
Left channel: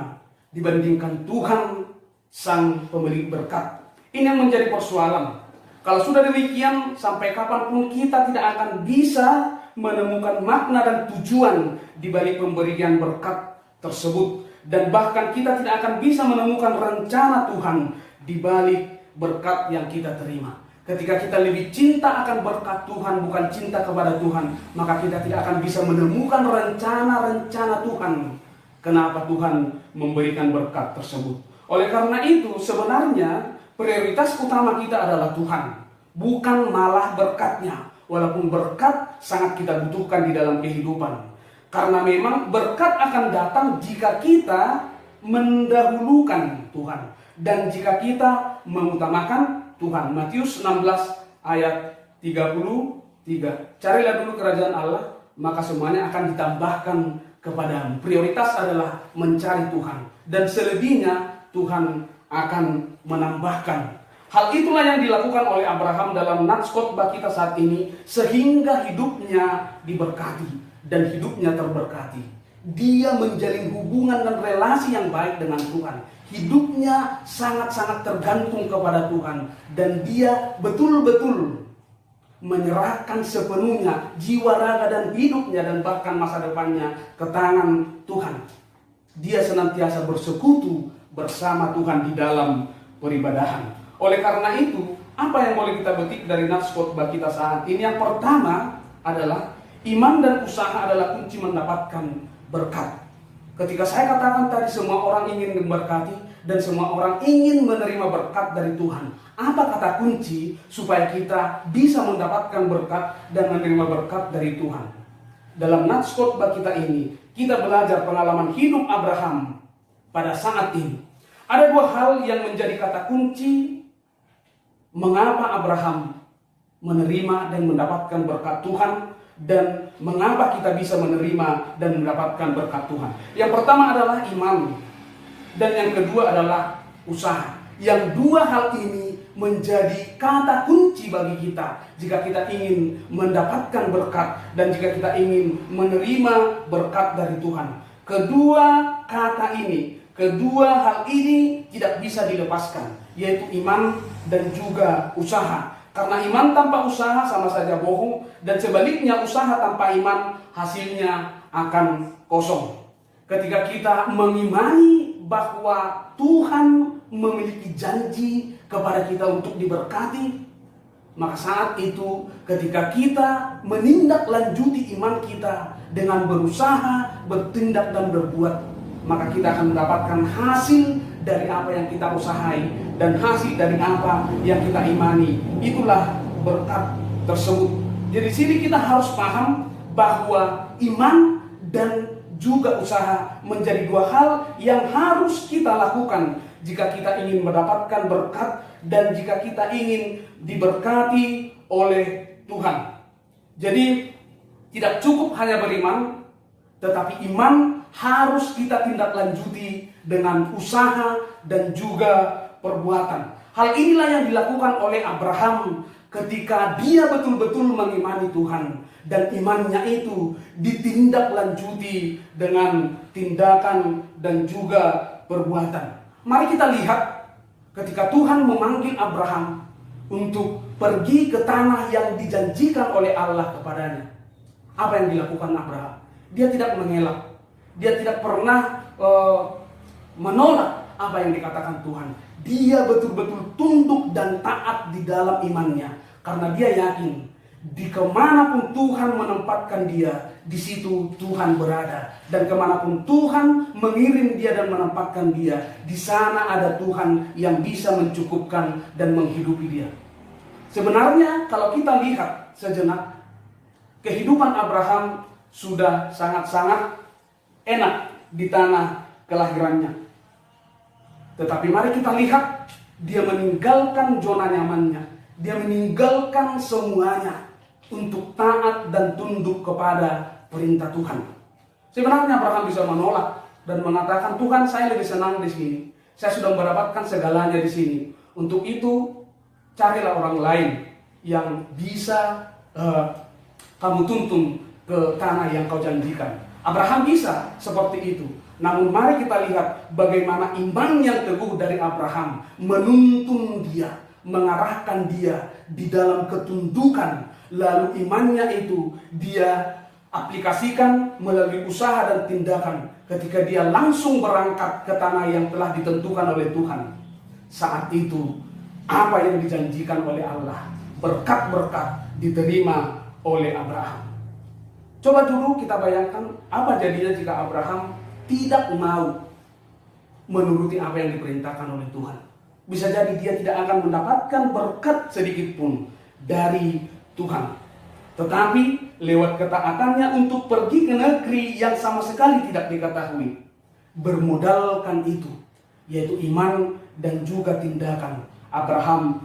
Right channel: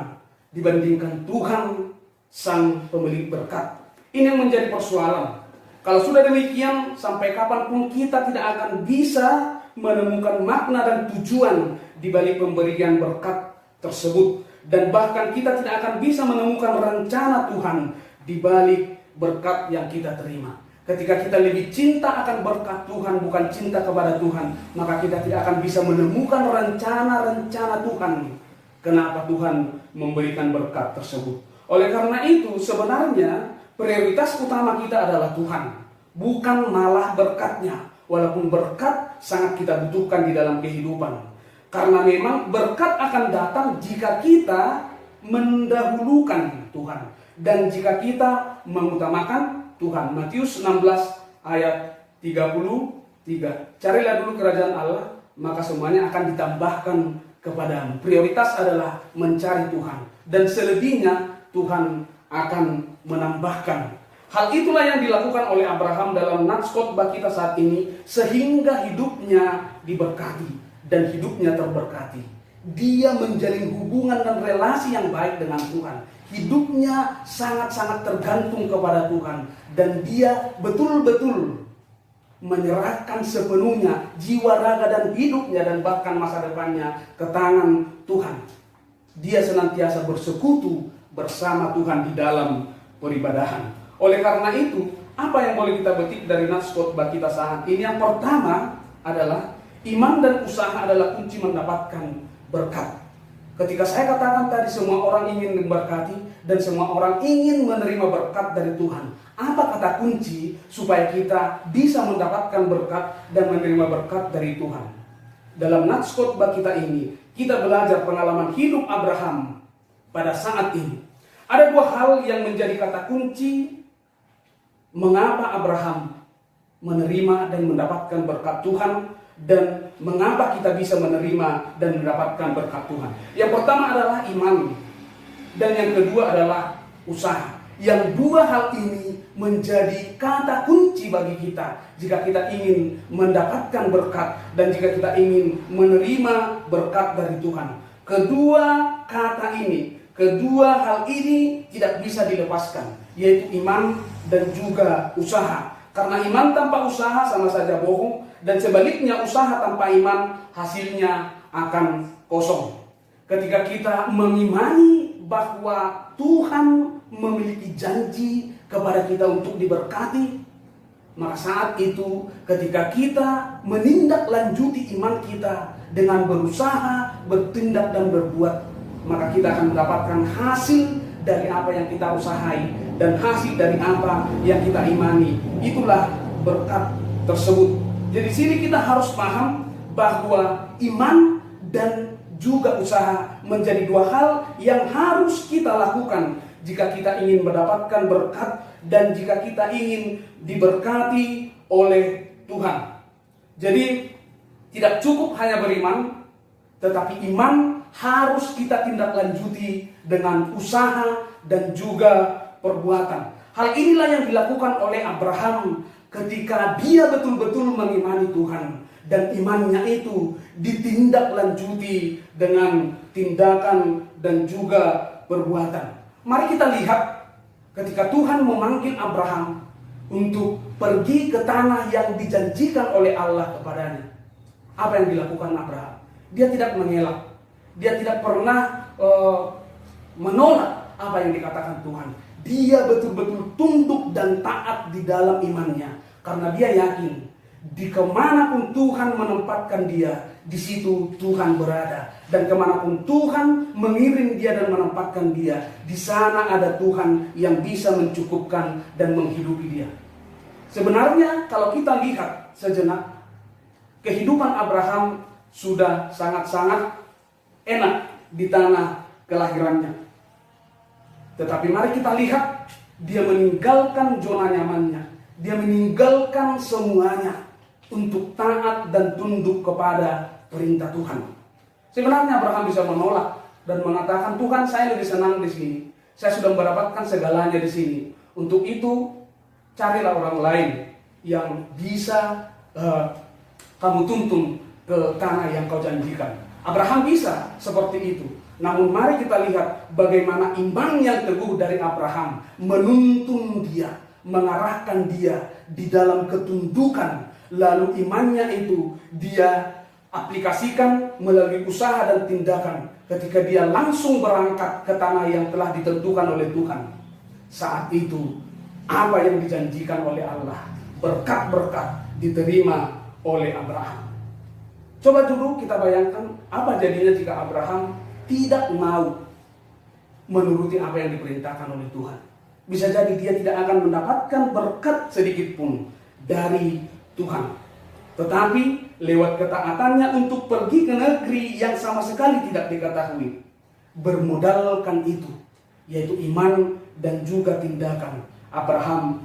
dibandingkan Tuhan Sang Pemberi berkat. Ini yang menjadi persoalan. Kalau sudah demikian, sampai kapanpun kita tidak akan bisa menemukan makna dan tujuan di balik pemberian berkat tersebut, dan bahkan kita tidak akan bisa menemukan rencana Tuhan di balik berkat yang kita terima. Ketika kita lebih cinta akan berkat Tuhan bukan cinta kepada Tuhan, maka kita tidak akan bisa menemukan rencana-rencana Tuhan kenapa Tuhan memberikan berkat tersebut. Oleh karena itu sebenarnya prioritas utama kita adalah Tuhan, bukan malah berkatnya. Walaupun berkat sangat kita butuhkan di dalam kehidupan. Karena memang berkat akan datang jika kita mendahulukan Tuhan dan jika kita mengutamakan Tuhan. Matius 16 ayat 33. Carilah dulu kerajaan Allah, maka semuanya akan ditambahkan kepadamu. Prioritas adalah mencari Tuhan, dan selebihnya Tuhan akan menambahkan. Hal itulah yang dilakukan oleh Abraham dalam nats khotbah kita saat ini, sehingga hidupnya diberkati dan hidupnya terberkati. Dia menjalin hubungan dan relasi yang baik dengan Tuhan. Hidupnya sangat-sangat tergantung kepada Tuhan, dan dia betul-betul menyerahkan sepenuhnya jiwa, raga, dan hidupnya dan bahkan masa depannya ke tangan Tuhan. Dia senantiasa bersekutu bersama Tuhan di dalam peribadahan. Oleh karena itu, apa yang boleh kita petik dari nats khotbah kita saat ini? Yang pertama adalah iman dan usaha adalah kunci mendapatkan berkat. Ketika saya katakan tadi semua orang ingin memberkati dan semua orang ingin menerima berkat dari Tuhan, apa kata kunci supaya kita bisa mendapatkan berkat dan menerima berkat dari Tuhan? Dalam nats khotbah kita ini, kita belajar pengalaman hidup Abraham pada saat ini. Ada dua hal yang menjadi kata kunci mengapa Abraham menerima dan mendapatkan berkat Tuhan, dan mengapa kita bisa menerima dan mendapatkan berkat Tuhan. Yang pertama adalah iman, dan yang kedua adalah usaha. Yang dua hal ini menjadi kata kunci bagi kita jika kita ingin mendapatkan berkat dan jika kita ingin menerima berkat dari Tuhan. Kedua hal ini tidak bisa dilepaskan, yaitu iman dan juga usaha. Karena iman tanpa usaha sama saja bohong, dan sebaliknya usaha tanpa iman hasilnya akan kosong. Ketika kita mengimani bahwa Tuhan memiliki janji kepada kita untuk diberkati, maka saat itu ketika kita menindaklanjuti iman kita dengan berusaha, bertindak dan berbuat, maka kita akan mendapatkan hasil dari apa yang kita usahai dan hasil dari apa yang kita imani. Itulah berkat tersebut. Jadi sini kita harus paham bahwa iman dan juga usaha menjadi dua hal yang harus kita lakukan jika kita ingin mendapatkan berkat dan jika kita ingin diberkati oleh Tuhan. Jadi tidak cukup hanya beriman, tetapi iman harus kita tindak lanjuti dengan usaha dan juga perbuatan. Hal inilah yang dilakukan oleh Abraham ketika dia betul-betul mengimani Tuhan, dan imannya itu ditindaklanjuti dengan tindakan dan juga perbuatan. Mari kita lihat ketika Tuhan memanggil Abraham untuk pergi ke tanah yang dijanjikan oleh Allah kepadanya. Apa yang dilakukan Abraham? Dia tidak mengelak. Dia tidak pernah menolak apa yang dikatakan Tuhan. Dia betul-betul tunduk dan taat di dalam imannya. Karena dia yakin di kemanapun Tuhan menempatkan dia, di situ Tuhan berada. Dan kemanapun Tuhan mengirim dia dan menempatkan dia, di sana ada Tuhan yang bisa mencukupkan dan menghidupi dia. Sebenarnya kalau kita lihat sejenak, kehidupan Abraham sudah sangat-sangat enak di tanah kelahirannya. Tetapi mari kita lihat, dia meninggalkan zona nyamannya. Dia meninggalkan semuanya untuk taat dan tunduk kepada perintah Tuhan. Sebenarnya Abraham bisa menolak dan mengatakan, Tuhan, saya lebih senang di sini. Saya sudah mendapatkan segalanya di sini. Untuk itu, carilah orang lain yang bisa kamu tuntun ke tanah yang kau janjikan. Abraham bisa seperti itu. Namun mari kita lihat bagaimana iman yang teguh dari Abraham menuntun dia, mengarahkan dia di dalam ketundukan. Lalu imannya itu dia aplikasikan melalui usaha dan tindakan ketika dia langsung berangkat ke tanah yang telah ditentukan oleh Tuhan. Saat itu apa yang dijanjikan oleh Allah, berkat-berkat diterima oleh Abraham. Coba dulu kita bayangkan apa jadinya jika Abraham tidak mau menuruti apa yang diperintahkan oleh Tuhan. Bisa jadi dia tidak akan mendapatkan berkat sedikit pun dari Tuhan. tetapi lewat ketaatannya untuk pergi ke negeri yang sama sekali tidak diketahui. Bermodalkan itu, yaitu iman dan juga tindakan, Abraham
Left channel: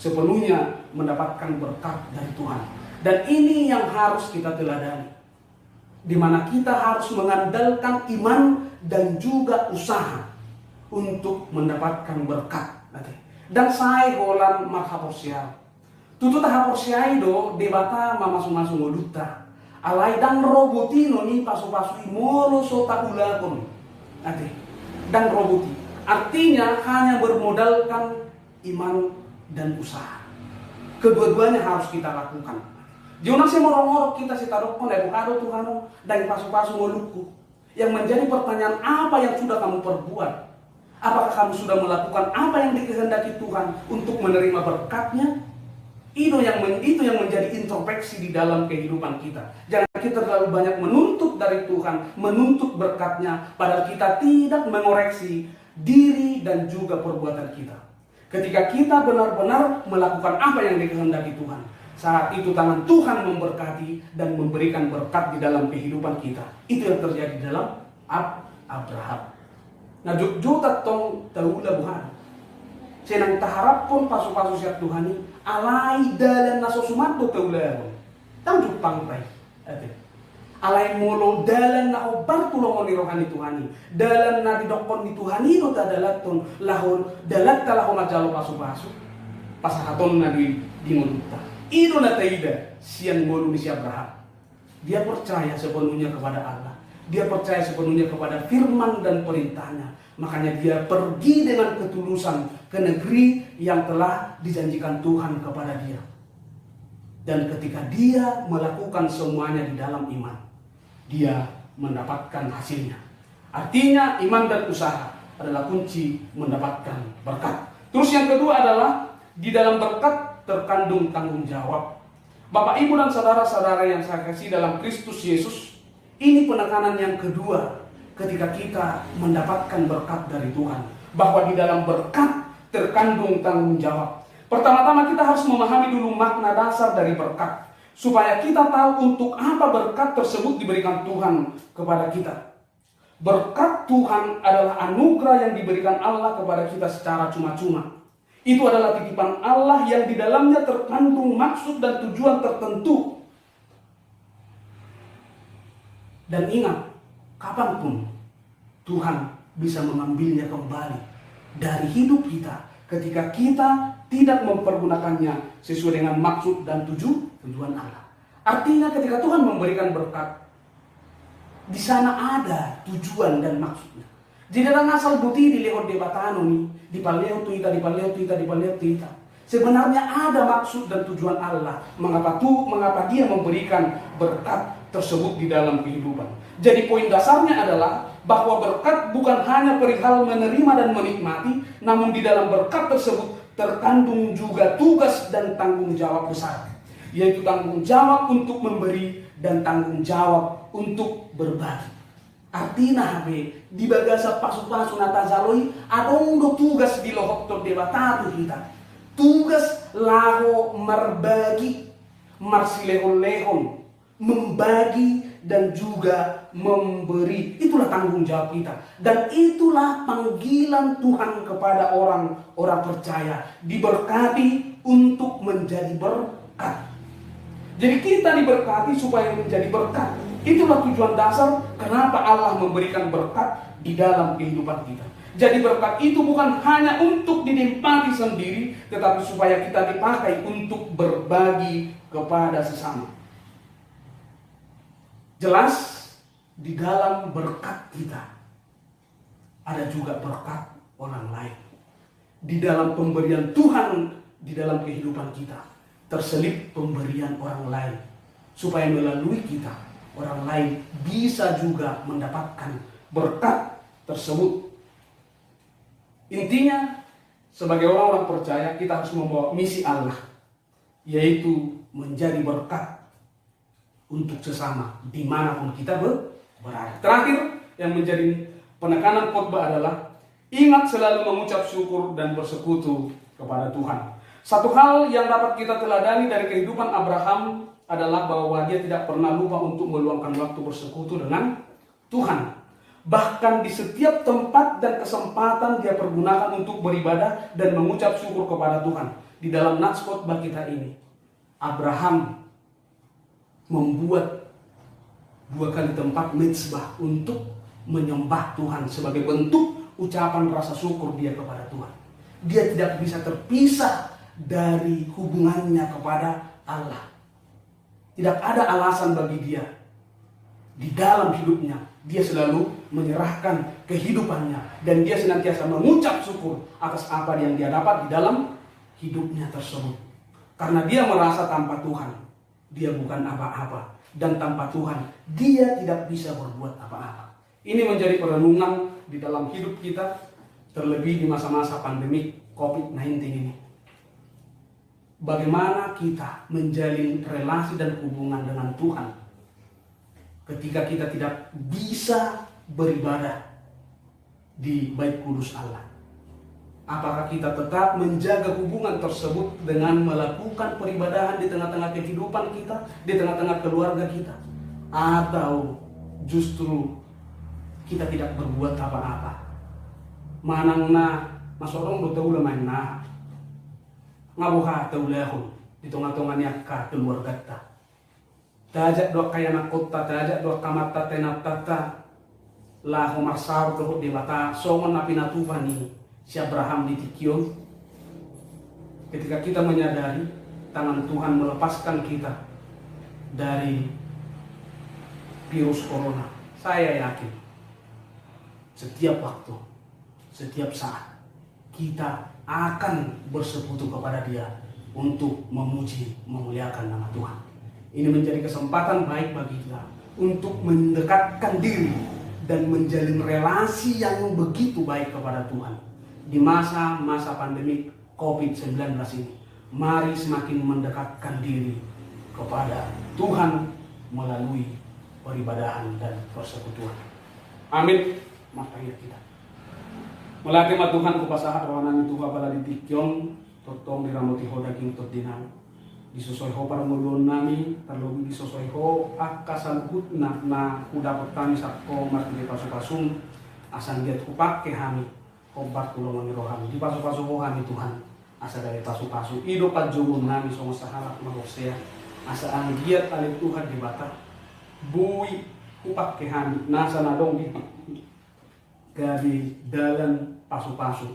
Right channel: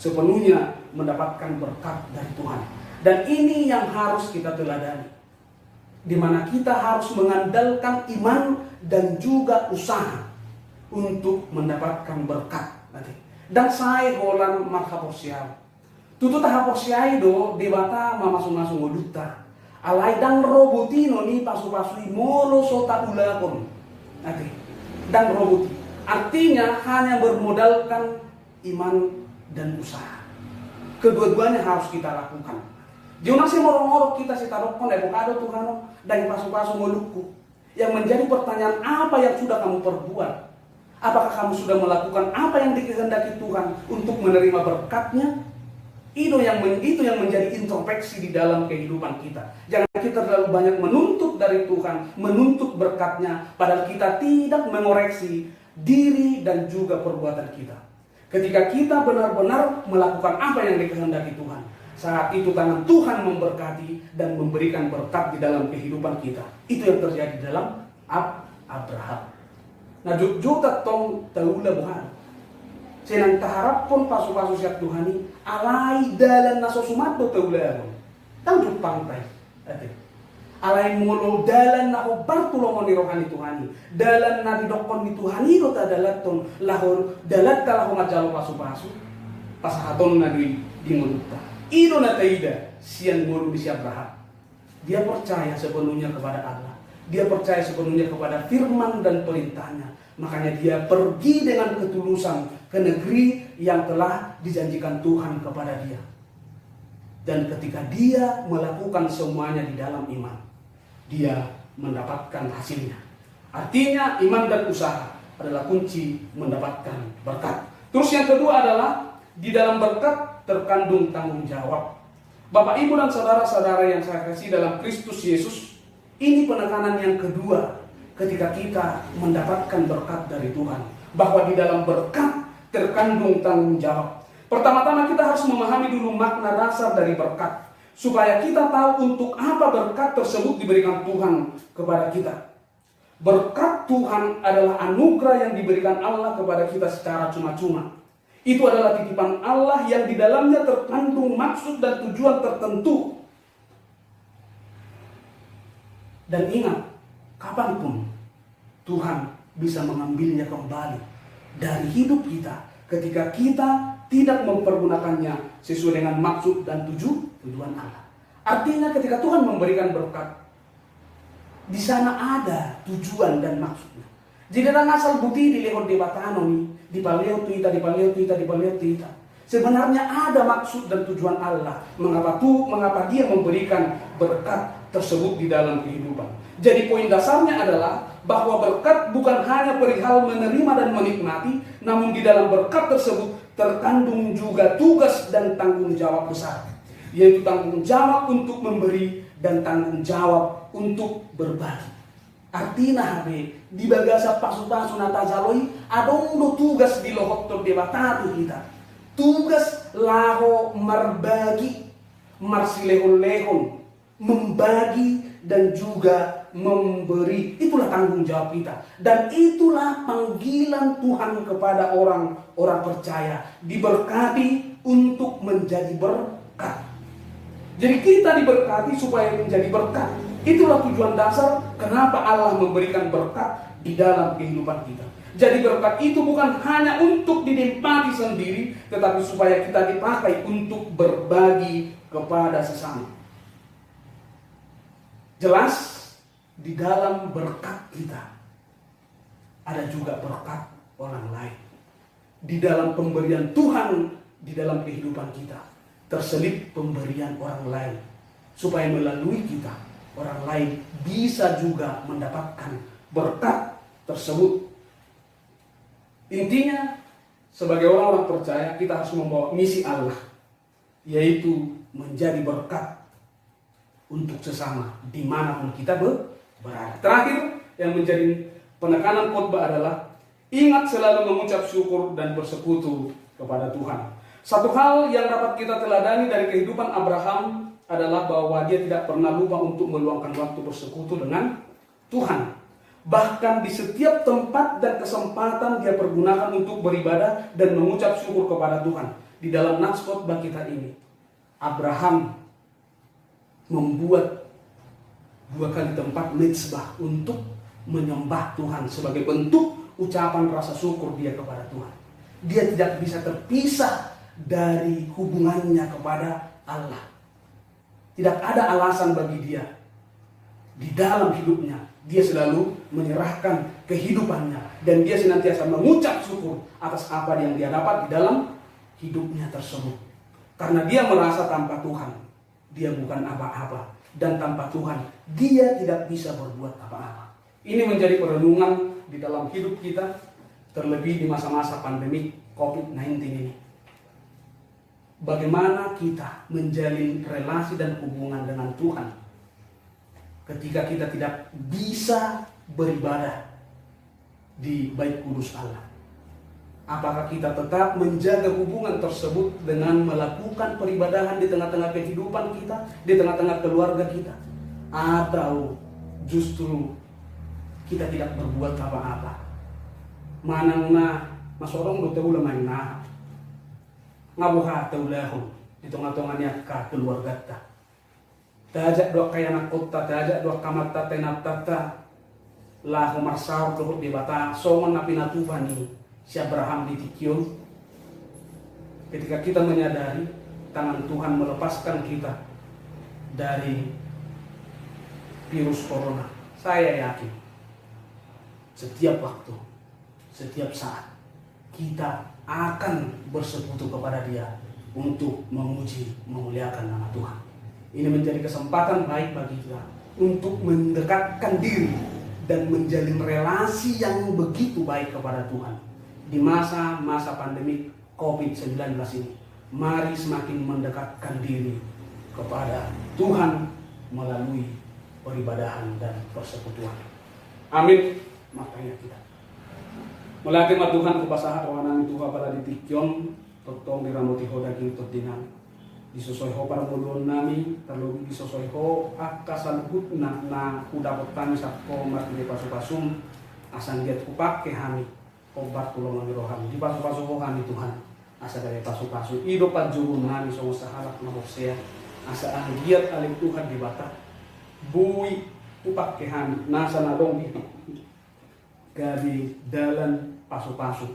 sepenuhnya mendapatkan berkat dari Tuhan. Dan ini yang harus kita teladani, di mana kita harus mengandalkan iman dan juga usaha untuk mendapatkan berkat nanti. Dan saya holan makhaposial. Tutu tahaposial do debata mamasung-masung oduta. Alai dan robotino ni pasu-pasui molo sota ulakon. Nanti. Dan roboti. Artinya hanya bermodalkan iman dan usaha. Kedua-duanya harus kita lakukan. Jangan sih morong-morong kita taruhkan evokado Tuhan dari pasu-pasu molukku. Yang menjadi pertanyaan, apa yang sudah kamu perbuat? Apakah kamu sudah melakukan apa yang dikehendaki Tuhan untuk menerima berkatnya? Itu yang menjadi introspeksi di dalam kehidupan kita. Jangan kita terlalu banyak menuntut dari Tuhan, menuntut berkatnya, padahal kita tidak mengoreksi diri dan juga perbuatan kita. Ketika kita benar-benar melakukan apa yang dikehendaki Tuhan, saat itu tangan Tuhan memberkati dan memberikan berkat di dalam kehidupan kita. Itu yang terjadi dalam Abraham. Nah, juta tong taula buhan. Senang taharap pun pasu-pasu siap Tuhan ini alai dalam naso sumato taula. Tanjuk pantai. Alai molo dalam na obar tulungan ni rohani Tuhan ini. Dalam na didokon ni Tuhan ini lo tadalaton lahor dalat kalau majalo pasu-pasu. Pasahaton na di mulut. Itu na taida siang molo di Abraham. Dia percaya sepenuhnya kepada Allah. Dia percaya sepenuhnya kepada firman dan perintahnya. Makanya dia pergi dengan ketulusan ke negeri yang telah dijanjikan Tuhan kepada dia. Dan ketika dia melakukan semuanya di dalam iman, dia mendapatkan hasilnya. Artinya iman dan usaha adalah kunci mendapatkan berkat. Terus yang kedua adalah di dalam berkat terkandung tanggung jawab. Bapak, Ibu, dan saudara-saudara yang saya kasih dalam Kristus Yesus, ini penekanan yang kedua ketika kita mendapatkan berkat dari Tuhan. Bahwa di dalam berkat terkandung tanggung jawab. Pertama-tama kita harus memahami dulu makna dasar dari berkat. Supaya kita tahu untuk apa berkat tersebut diberikan Tuhan kepada kita. Berkat Tuhan adalah anugerah yang diberikan Allah kepada kita secara cuma-cuma. Itu adalah titipan Allah yang di dalamnya terkandung maksud dan tujuan tertentu. Dan ingat, kapanpun Tuhan bisa mengambilnya kembali dari hidup kita ketika kita tidak mempergunakannya sesuai dengan maksud dan tujuan Allah. Artinya ketika Tuhan memberikan berkat, di sana ada tujuan dan maksudnya. Jika asal buti di lehon debatano nih, di paleo tuita. Sebenarnya ada maksud dan tujuan Allah mengapa dia memberikan berkat tersebut di dalam kehidupan. Jadi poin dasarnya adalah bahwa berkat bukan hanya perihal menerima dan menikmati, namun di dalam berkat tersebut terkandung juga tugas dan tanggung jawab besar, yaitu tanggung jawab untuk memberi dan tanggung jawab untuk berbagi. Artinya di bagasa pasu-pasu natazaloi adong tugas di lohok debatatu kita. Tugas laho merbagi, marsilehon-lehon, membagi dan juga memberi. Itulah tanggung jawab kita. Dan itulah panggilan Tuhan kepada orang-orang percaya. Diberkati untuk menjadi berkat. Jadi kita diberkati supaya menjadi berkat. Itulah tujuan dasar kenapa Allah memberikan berkat di dalam kehidupan kita. Jadi berkat itu bukan hanya untuk dinikmati sendiri, tetapi supaya kita dipakai untuk berbagi kepada sesama. Jelas di dalam berkat kita ada juga berkat orang lain. Di dalam pemberian Tuhan di dalam kehidupan kita terselip pemberian orang lain, supaya melalui kita orang lain bisa juga mendapatkan berkat tersebut. Intinya, sebagai orang-orang percaya, kita harus membawa misi Allah, yaitu menjadi berkat untuk sesama dimanapun kita berada. Terakhir, yang menjadi penekanan khotbah adalah ingat selalu mengucap syukur dan bersekutu kepada Tuhan. Satu hal yang dapat kita teladani dari kehidupan Abraham adalah bahwa dia tidak pernah lupa untuk meluangkan waktu bersekutu dengan Tuhan. Bahkan di setiap tempat dan kesempatan dia pergunakan untuk beribadah dan mengucap syukur kepada Tuhan. Di dalam Nats Khotbah kita ini, Abraham membuat 2 kali tempat mezbah untuk menyembah Tuhan sebagai bentuk ucapan rasa syukur dia kepada Tuhan. Dia tidak bisa terpisah dari hubungannya kepada Allah. Tidak ada alasan bagi dia. Di dalam hidupnya, dia selalu menyerahkan kehidupannya. Dan dia senantiasa mengucap syukur atas apa yang dia dapat di dalam hidupnya tersebut. Karena dia merasa tanpa Tuhan, dia bukan apa-apa. Dan tanpa Tuhan, dia tidak bisa berbuat apa-apa. Ini menjadi perenungan di dalam hidup kita, terlebih di masa-masa pandemi COVID-19 ini. Bagaimana kita menjalin relasi dan hubungan dengan Tuhan ketika kita tidak bisa beribadah di Bait Kudus Allah? Apakah kita tetap menjaga hubungan tersebut dengan melakukan peribadahan di tengah-tengah kehidupan kita, di tengah-tengah keluarga kita? Atau justru kita tidak berbuat apa-apa? Manangna masorong betul lemah nah ngabuha taulahun di tengah-tengahnya ka keluarga ta. Tajak doa kaya na kota, tajak doa kamata tenatata lah marsau ke di bata songon na pinatuhan ni si Abraham di Tikion. Ketika kita menyadari tangan Tuhan melepaskan kita dari virus corona, saya yakin setiap waktu, setiap saat kita akan bersekutu kepada Dia untuk memuji, memuliakan nama Tuhan. Ini menjadi kesempatan baik bagi kita untuk mendekatkan diri dan menjalin relasi yang begitu baik kepada Tuhan. Di masa-masa pandemi COVID-19 ini, mari semakin mendekatkan diri kepada Tuhan melalui peribadahan dan persekutuan. Amin. Makanya kita mulai mah Tuhan kupasahat rawanan Tuhan pada ditikyon totong diramoti ho daging tot dinam disusoi ho para mulun nami terlebih disusoi ho akasaluhut na kuda pertami sakko marti pasu-pasum asan jet kupake hami obat tulungan rohani di pasu-pasu ho hami Tuhan asa dari pasu-pasu ido pajurun nami songo sahalak mabosea asa ami giat alik Tuhan di bata bui kupake hami nasa nadong di dari dalam pasu-pasu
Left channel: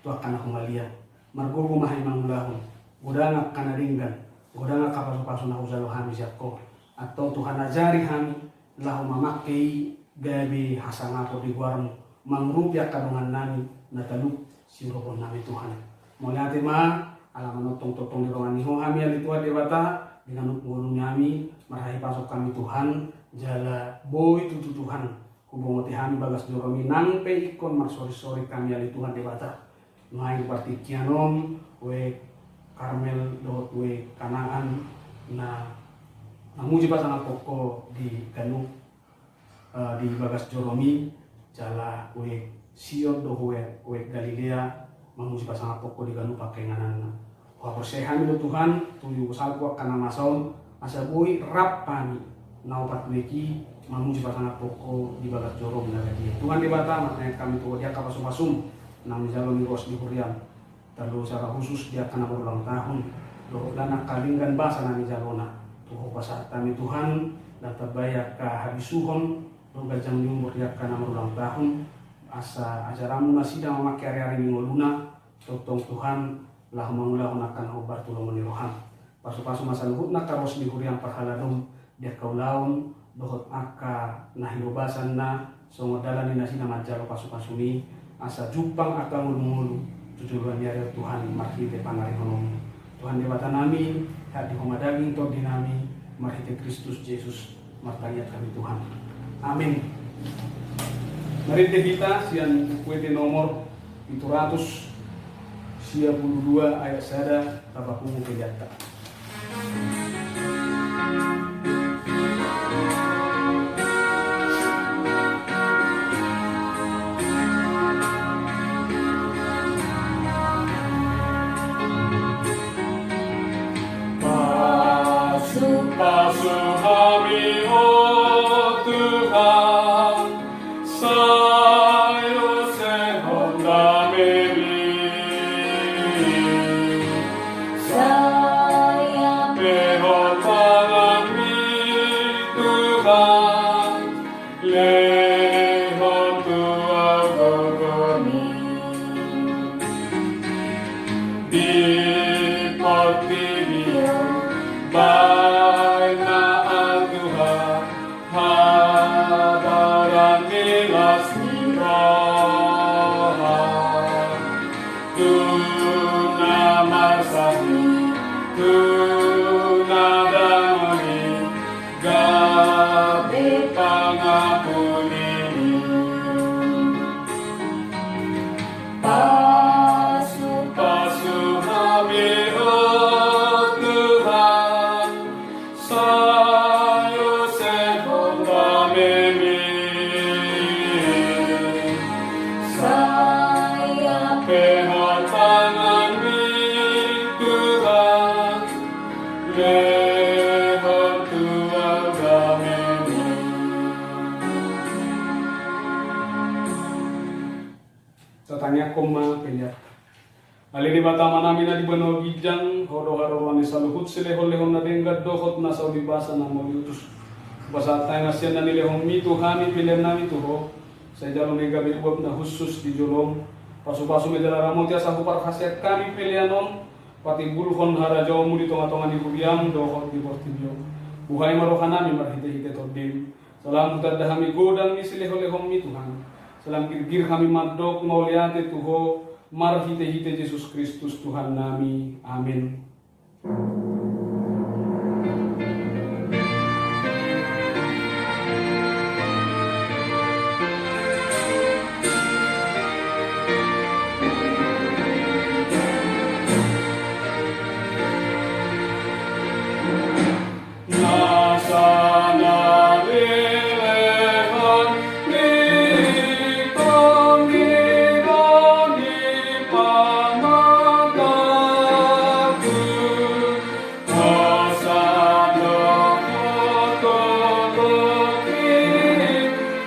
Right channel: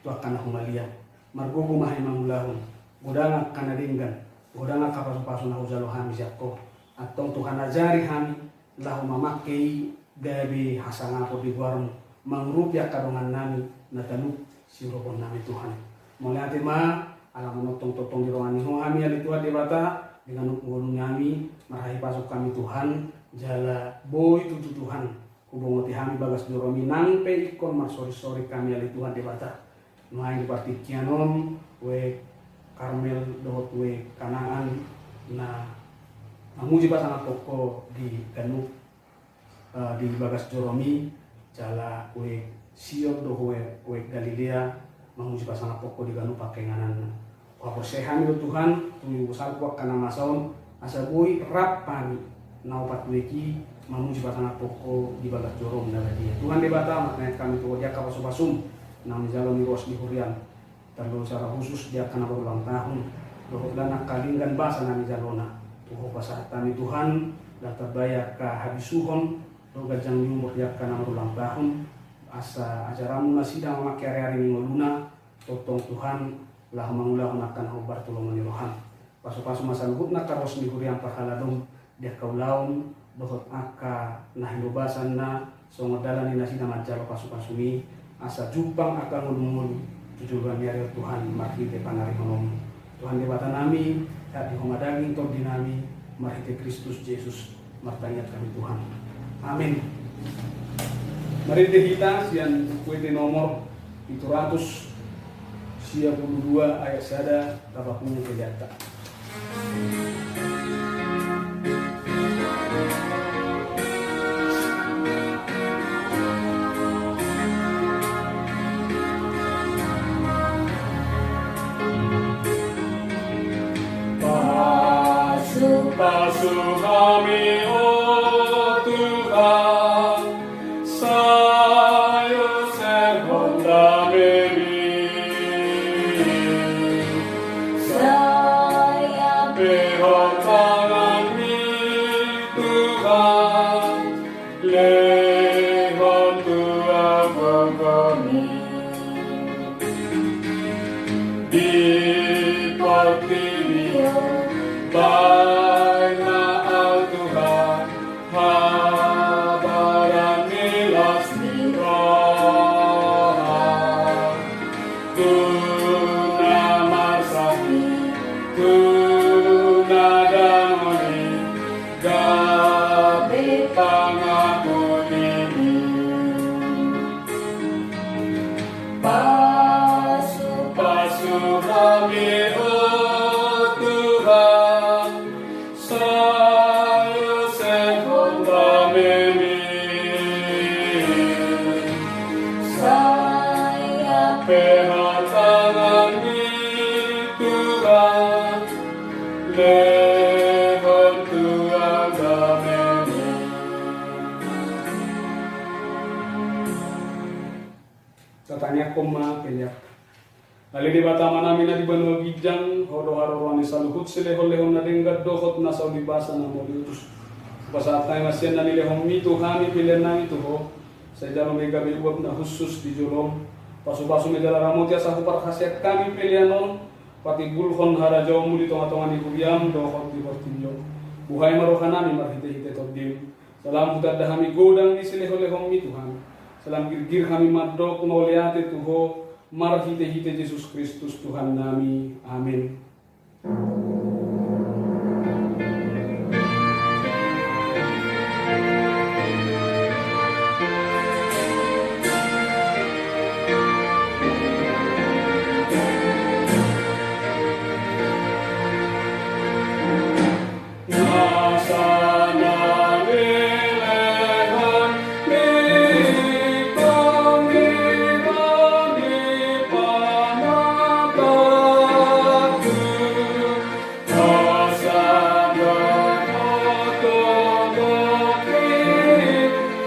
tu akan aku melihat margogo mahay manglahun godanga kanadinggan godanga ka pasu-pasu na uzalo hami jakko atong Tuhan ajari hami lahu mamakai gabi hasangapo di guarmu mangrupya kadongan nami nataluk sirupon nami Tuhan mulai ma alaman totong di ruangan ho hami ali Tuhan dewata dengan gunung nami marahi pasuk kami Tuhan jala boy tutu Tuhan kubungoti hami bagas joromi nangpe ikon marsori-sori kami ali Tuhan dewata main parti kianom we Karmel dot we Kanaan na manguji pasang poko di Ganuk di bagas joromi jala we siot do we Galilea manguji pasang poko di Ganuk pakai nganan kwa persehan do Tuhan tuyu salku kana masaon asa boy rap pani naupat weki manuji batang poko di bagas jorom dari dia Tuhan di bata makanya kami tuh dia kapasum nami jalan ros di hurian terlalu secara khusus dia akan berulang tahun doh dana kalinggan bahasa nami jalona tuh pasar kami Tuhan dan terbayar ke habisuhon doh gajang nyumbur dia akan berulang tahun asa ajaramu masih dah memakai hari ngoluna totong Tuhan lah mengulang akan obar tulung meniroham pasu-pasu masa luhut nak karos di hurian parhaladong dia kaulaun dohot aka nahilobasan na songodalan ni nasi na manjalo pasu-pasumi asa jupang aka ngulu-ngulu tujuan nyari Tuhan marhite panari ngomong Tuhan debata nami hati humadaging tog dinami marhite Kristus Yesus martayat kami Tuhan amin. Marhite kita sian kuete nomor 762 ayat sada tapapun kejata. Basuh kami, oh Tuhan, sayo sehonda memi. Saya Behon tanganmi, Tuhan, lehon tua gogoni. Di portilio, baina Tuhan, habaran milas roha, tuna masahi, tuna damai, gabe pangapuni. Basuh kami, oh Tuhan, sayo sehonda memi. saya Behon tanganmi, Tuhan, lehon tua gamemi. Tatanya koma penyak. Alini batama namin na di bano gijang, hodo harorwani saluhut silehon-lehon na dengat dohot na sa ulibasa na maulitus. Basaat tayo masyan na nilehong mito kami pilihan namin tuho, sa idalo ni gabi ubab na husus di julong, pasu-pasu medala ramot ya sa hupar khasiat kami pilihan on, pati bulhon harajaw mo dito nga tongan ni Kuryam, dohot di Portillo. Buhay maroka namin marhite-hite todim. Salam butat dahami godang ni silehon-lehong mito kami. Salam girgir kami madok mauliate tuho, marhite-hite Yesus Kristus Tuhan nami. Amin. Nasana lelehon ikon dirani pamadatu, asana otodoki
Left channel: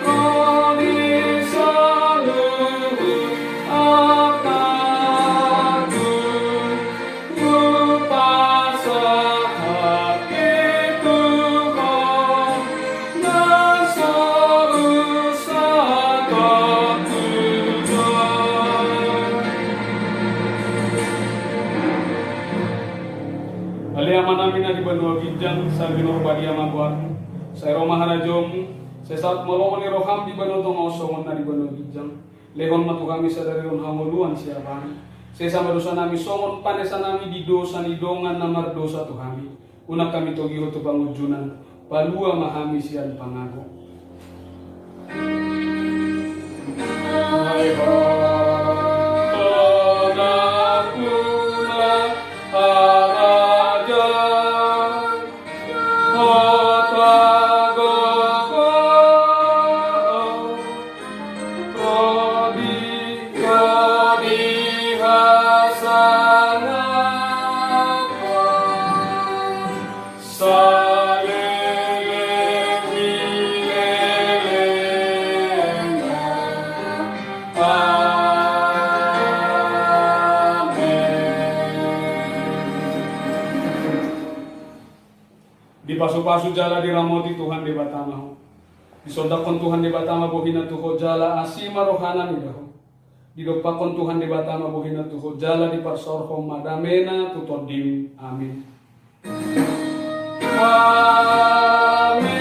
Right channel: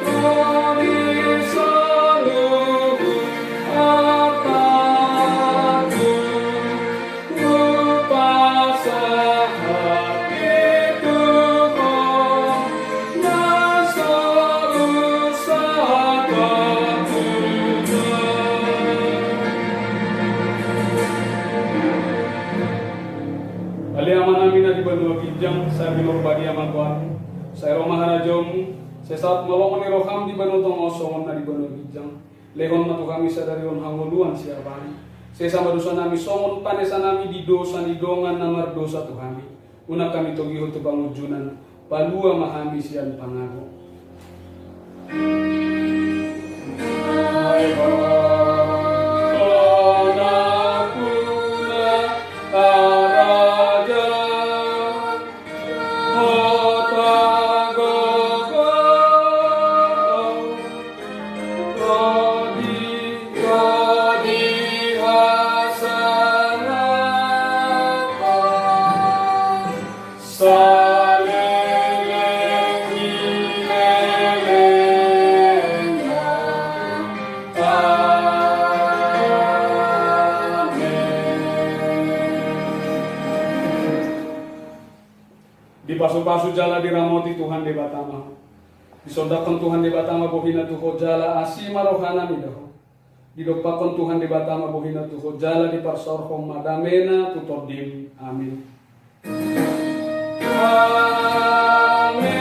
koni saluhu akadu, upasa hati Tuhan, nasalu sahabat Tuhan. Aliaman namin na di banua gijang, sa bilog bagi amakuat, sa Roma harajom, sa saat malongan ni Roham di banua tongosongon na di banua gijang, lehon matu kami sa darion hamuluan siapani, sa sama dosa nami songon panesa nami di dosa ni dongan namar dosa Tuhani, unak kami togiho tu pangujunan, palua mahami sian pangago. Hai ho, puna araja, hotagogo, rodi hasanako, di pasu-pasu jala diramoti Tuhan di batama. Disodakon Tuhan di batama bohina tuho jala asima rohana midaho. Didopakon Tuhan di batama bohina tuho jala di parsorhom madamena tutodim. Amin. Amin.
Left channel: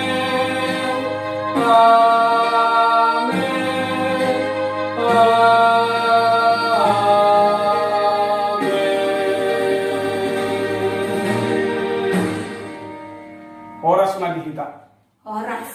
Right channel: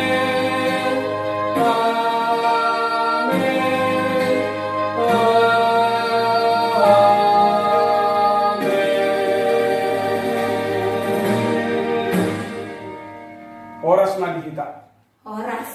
Oras magihita. Horas.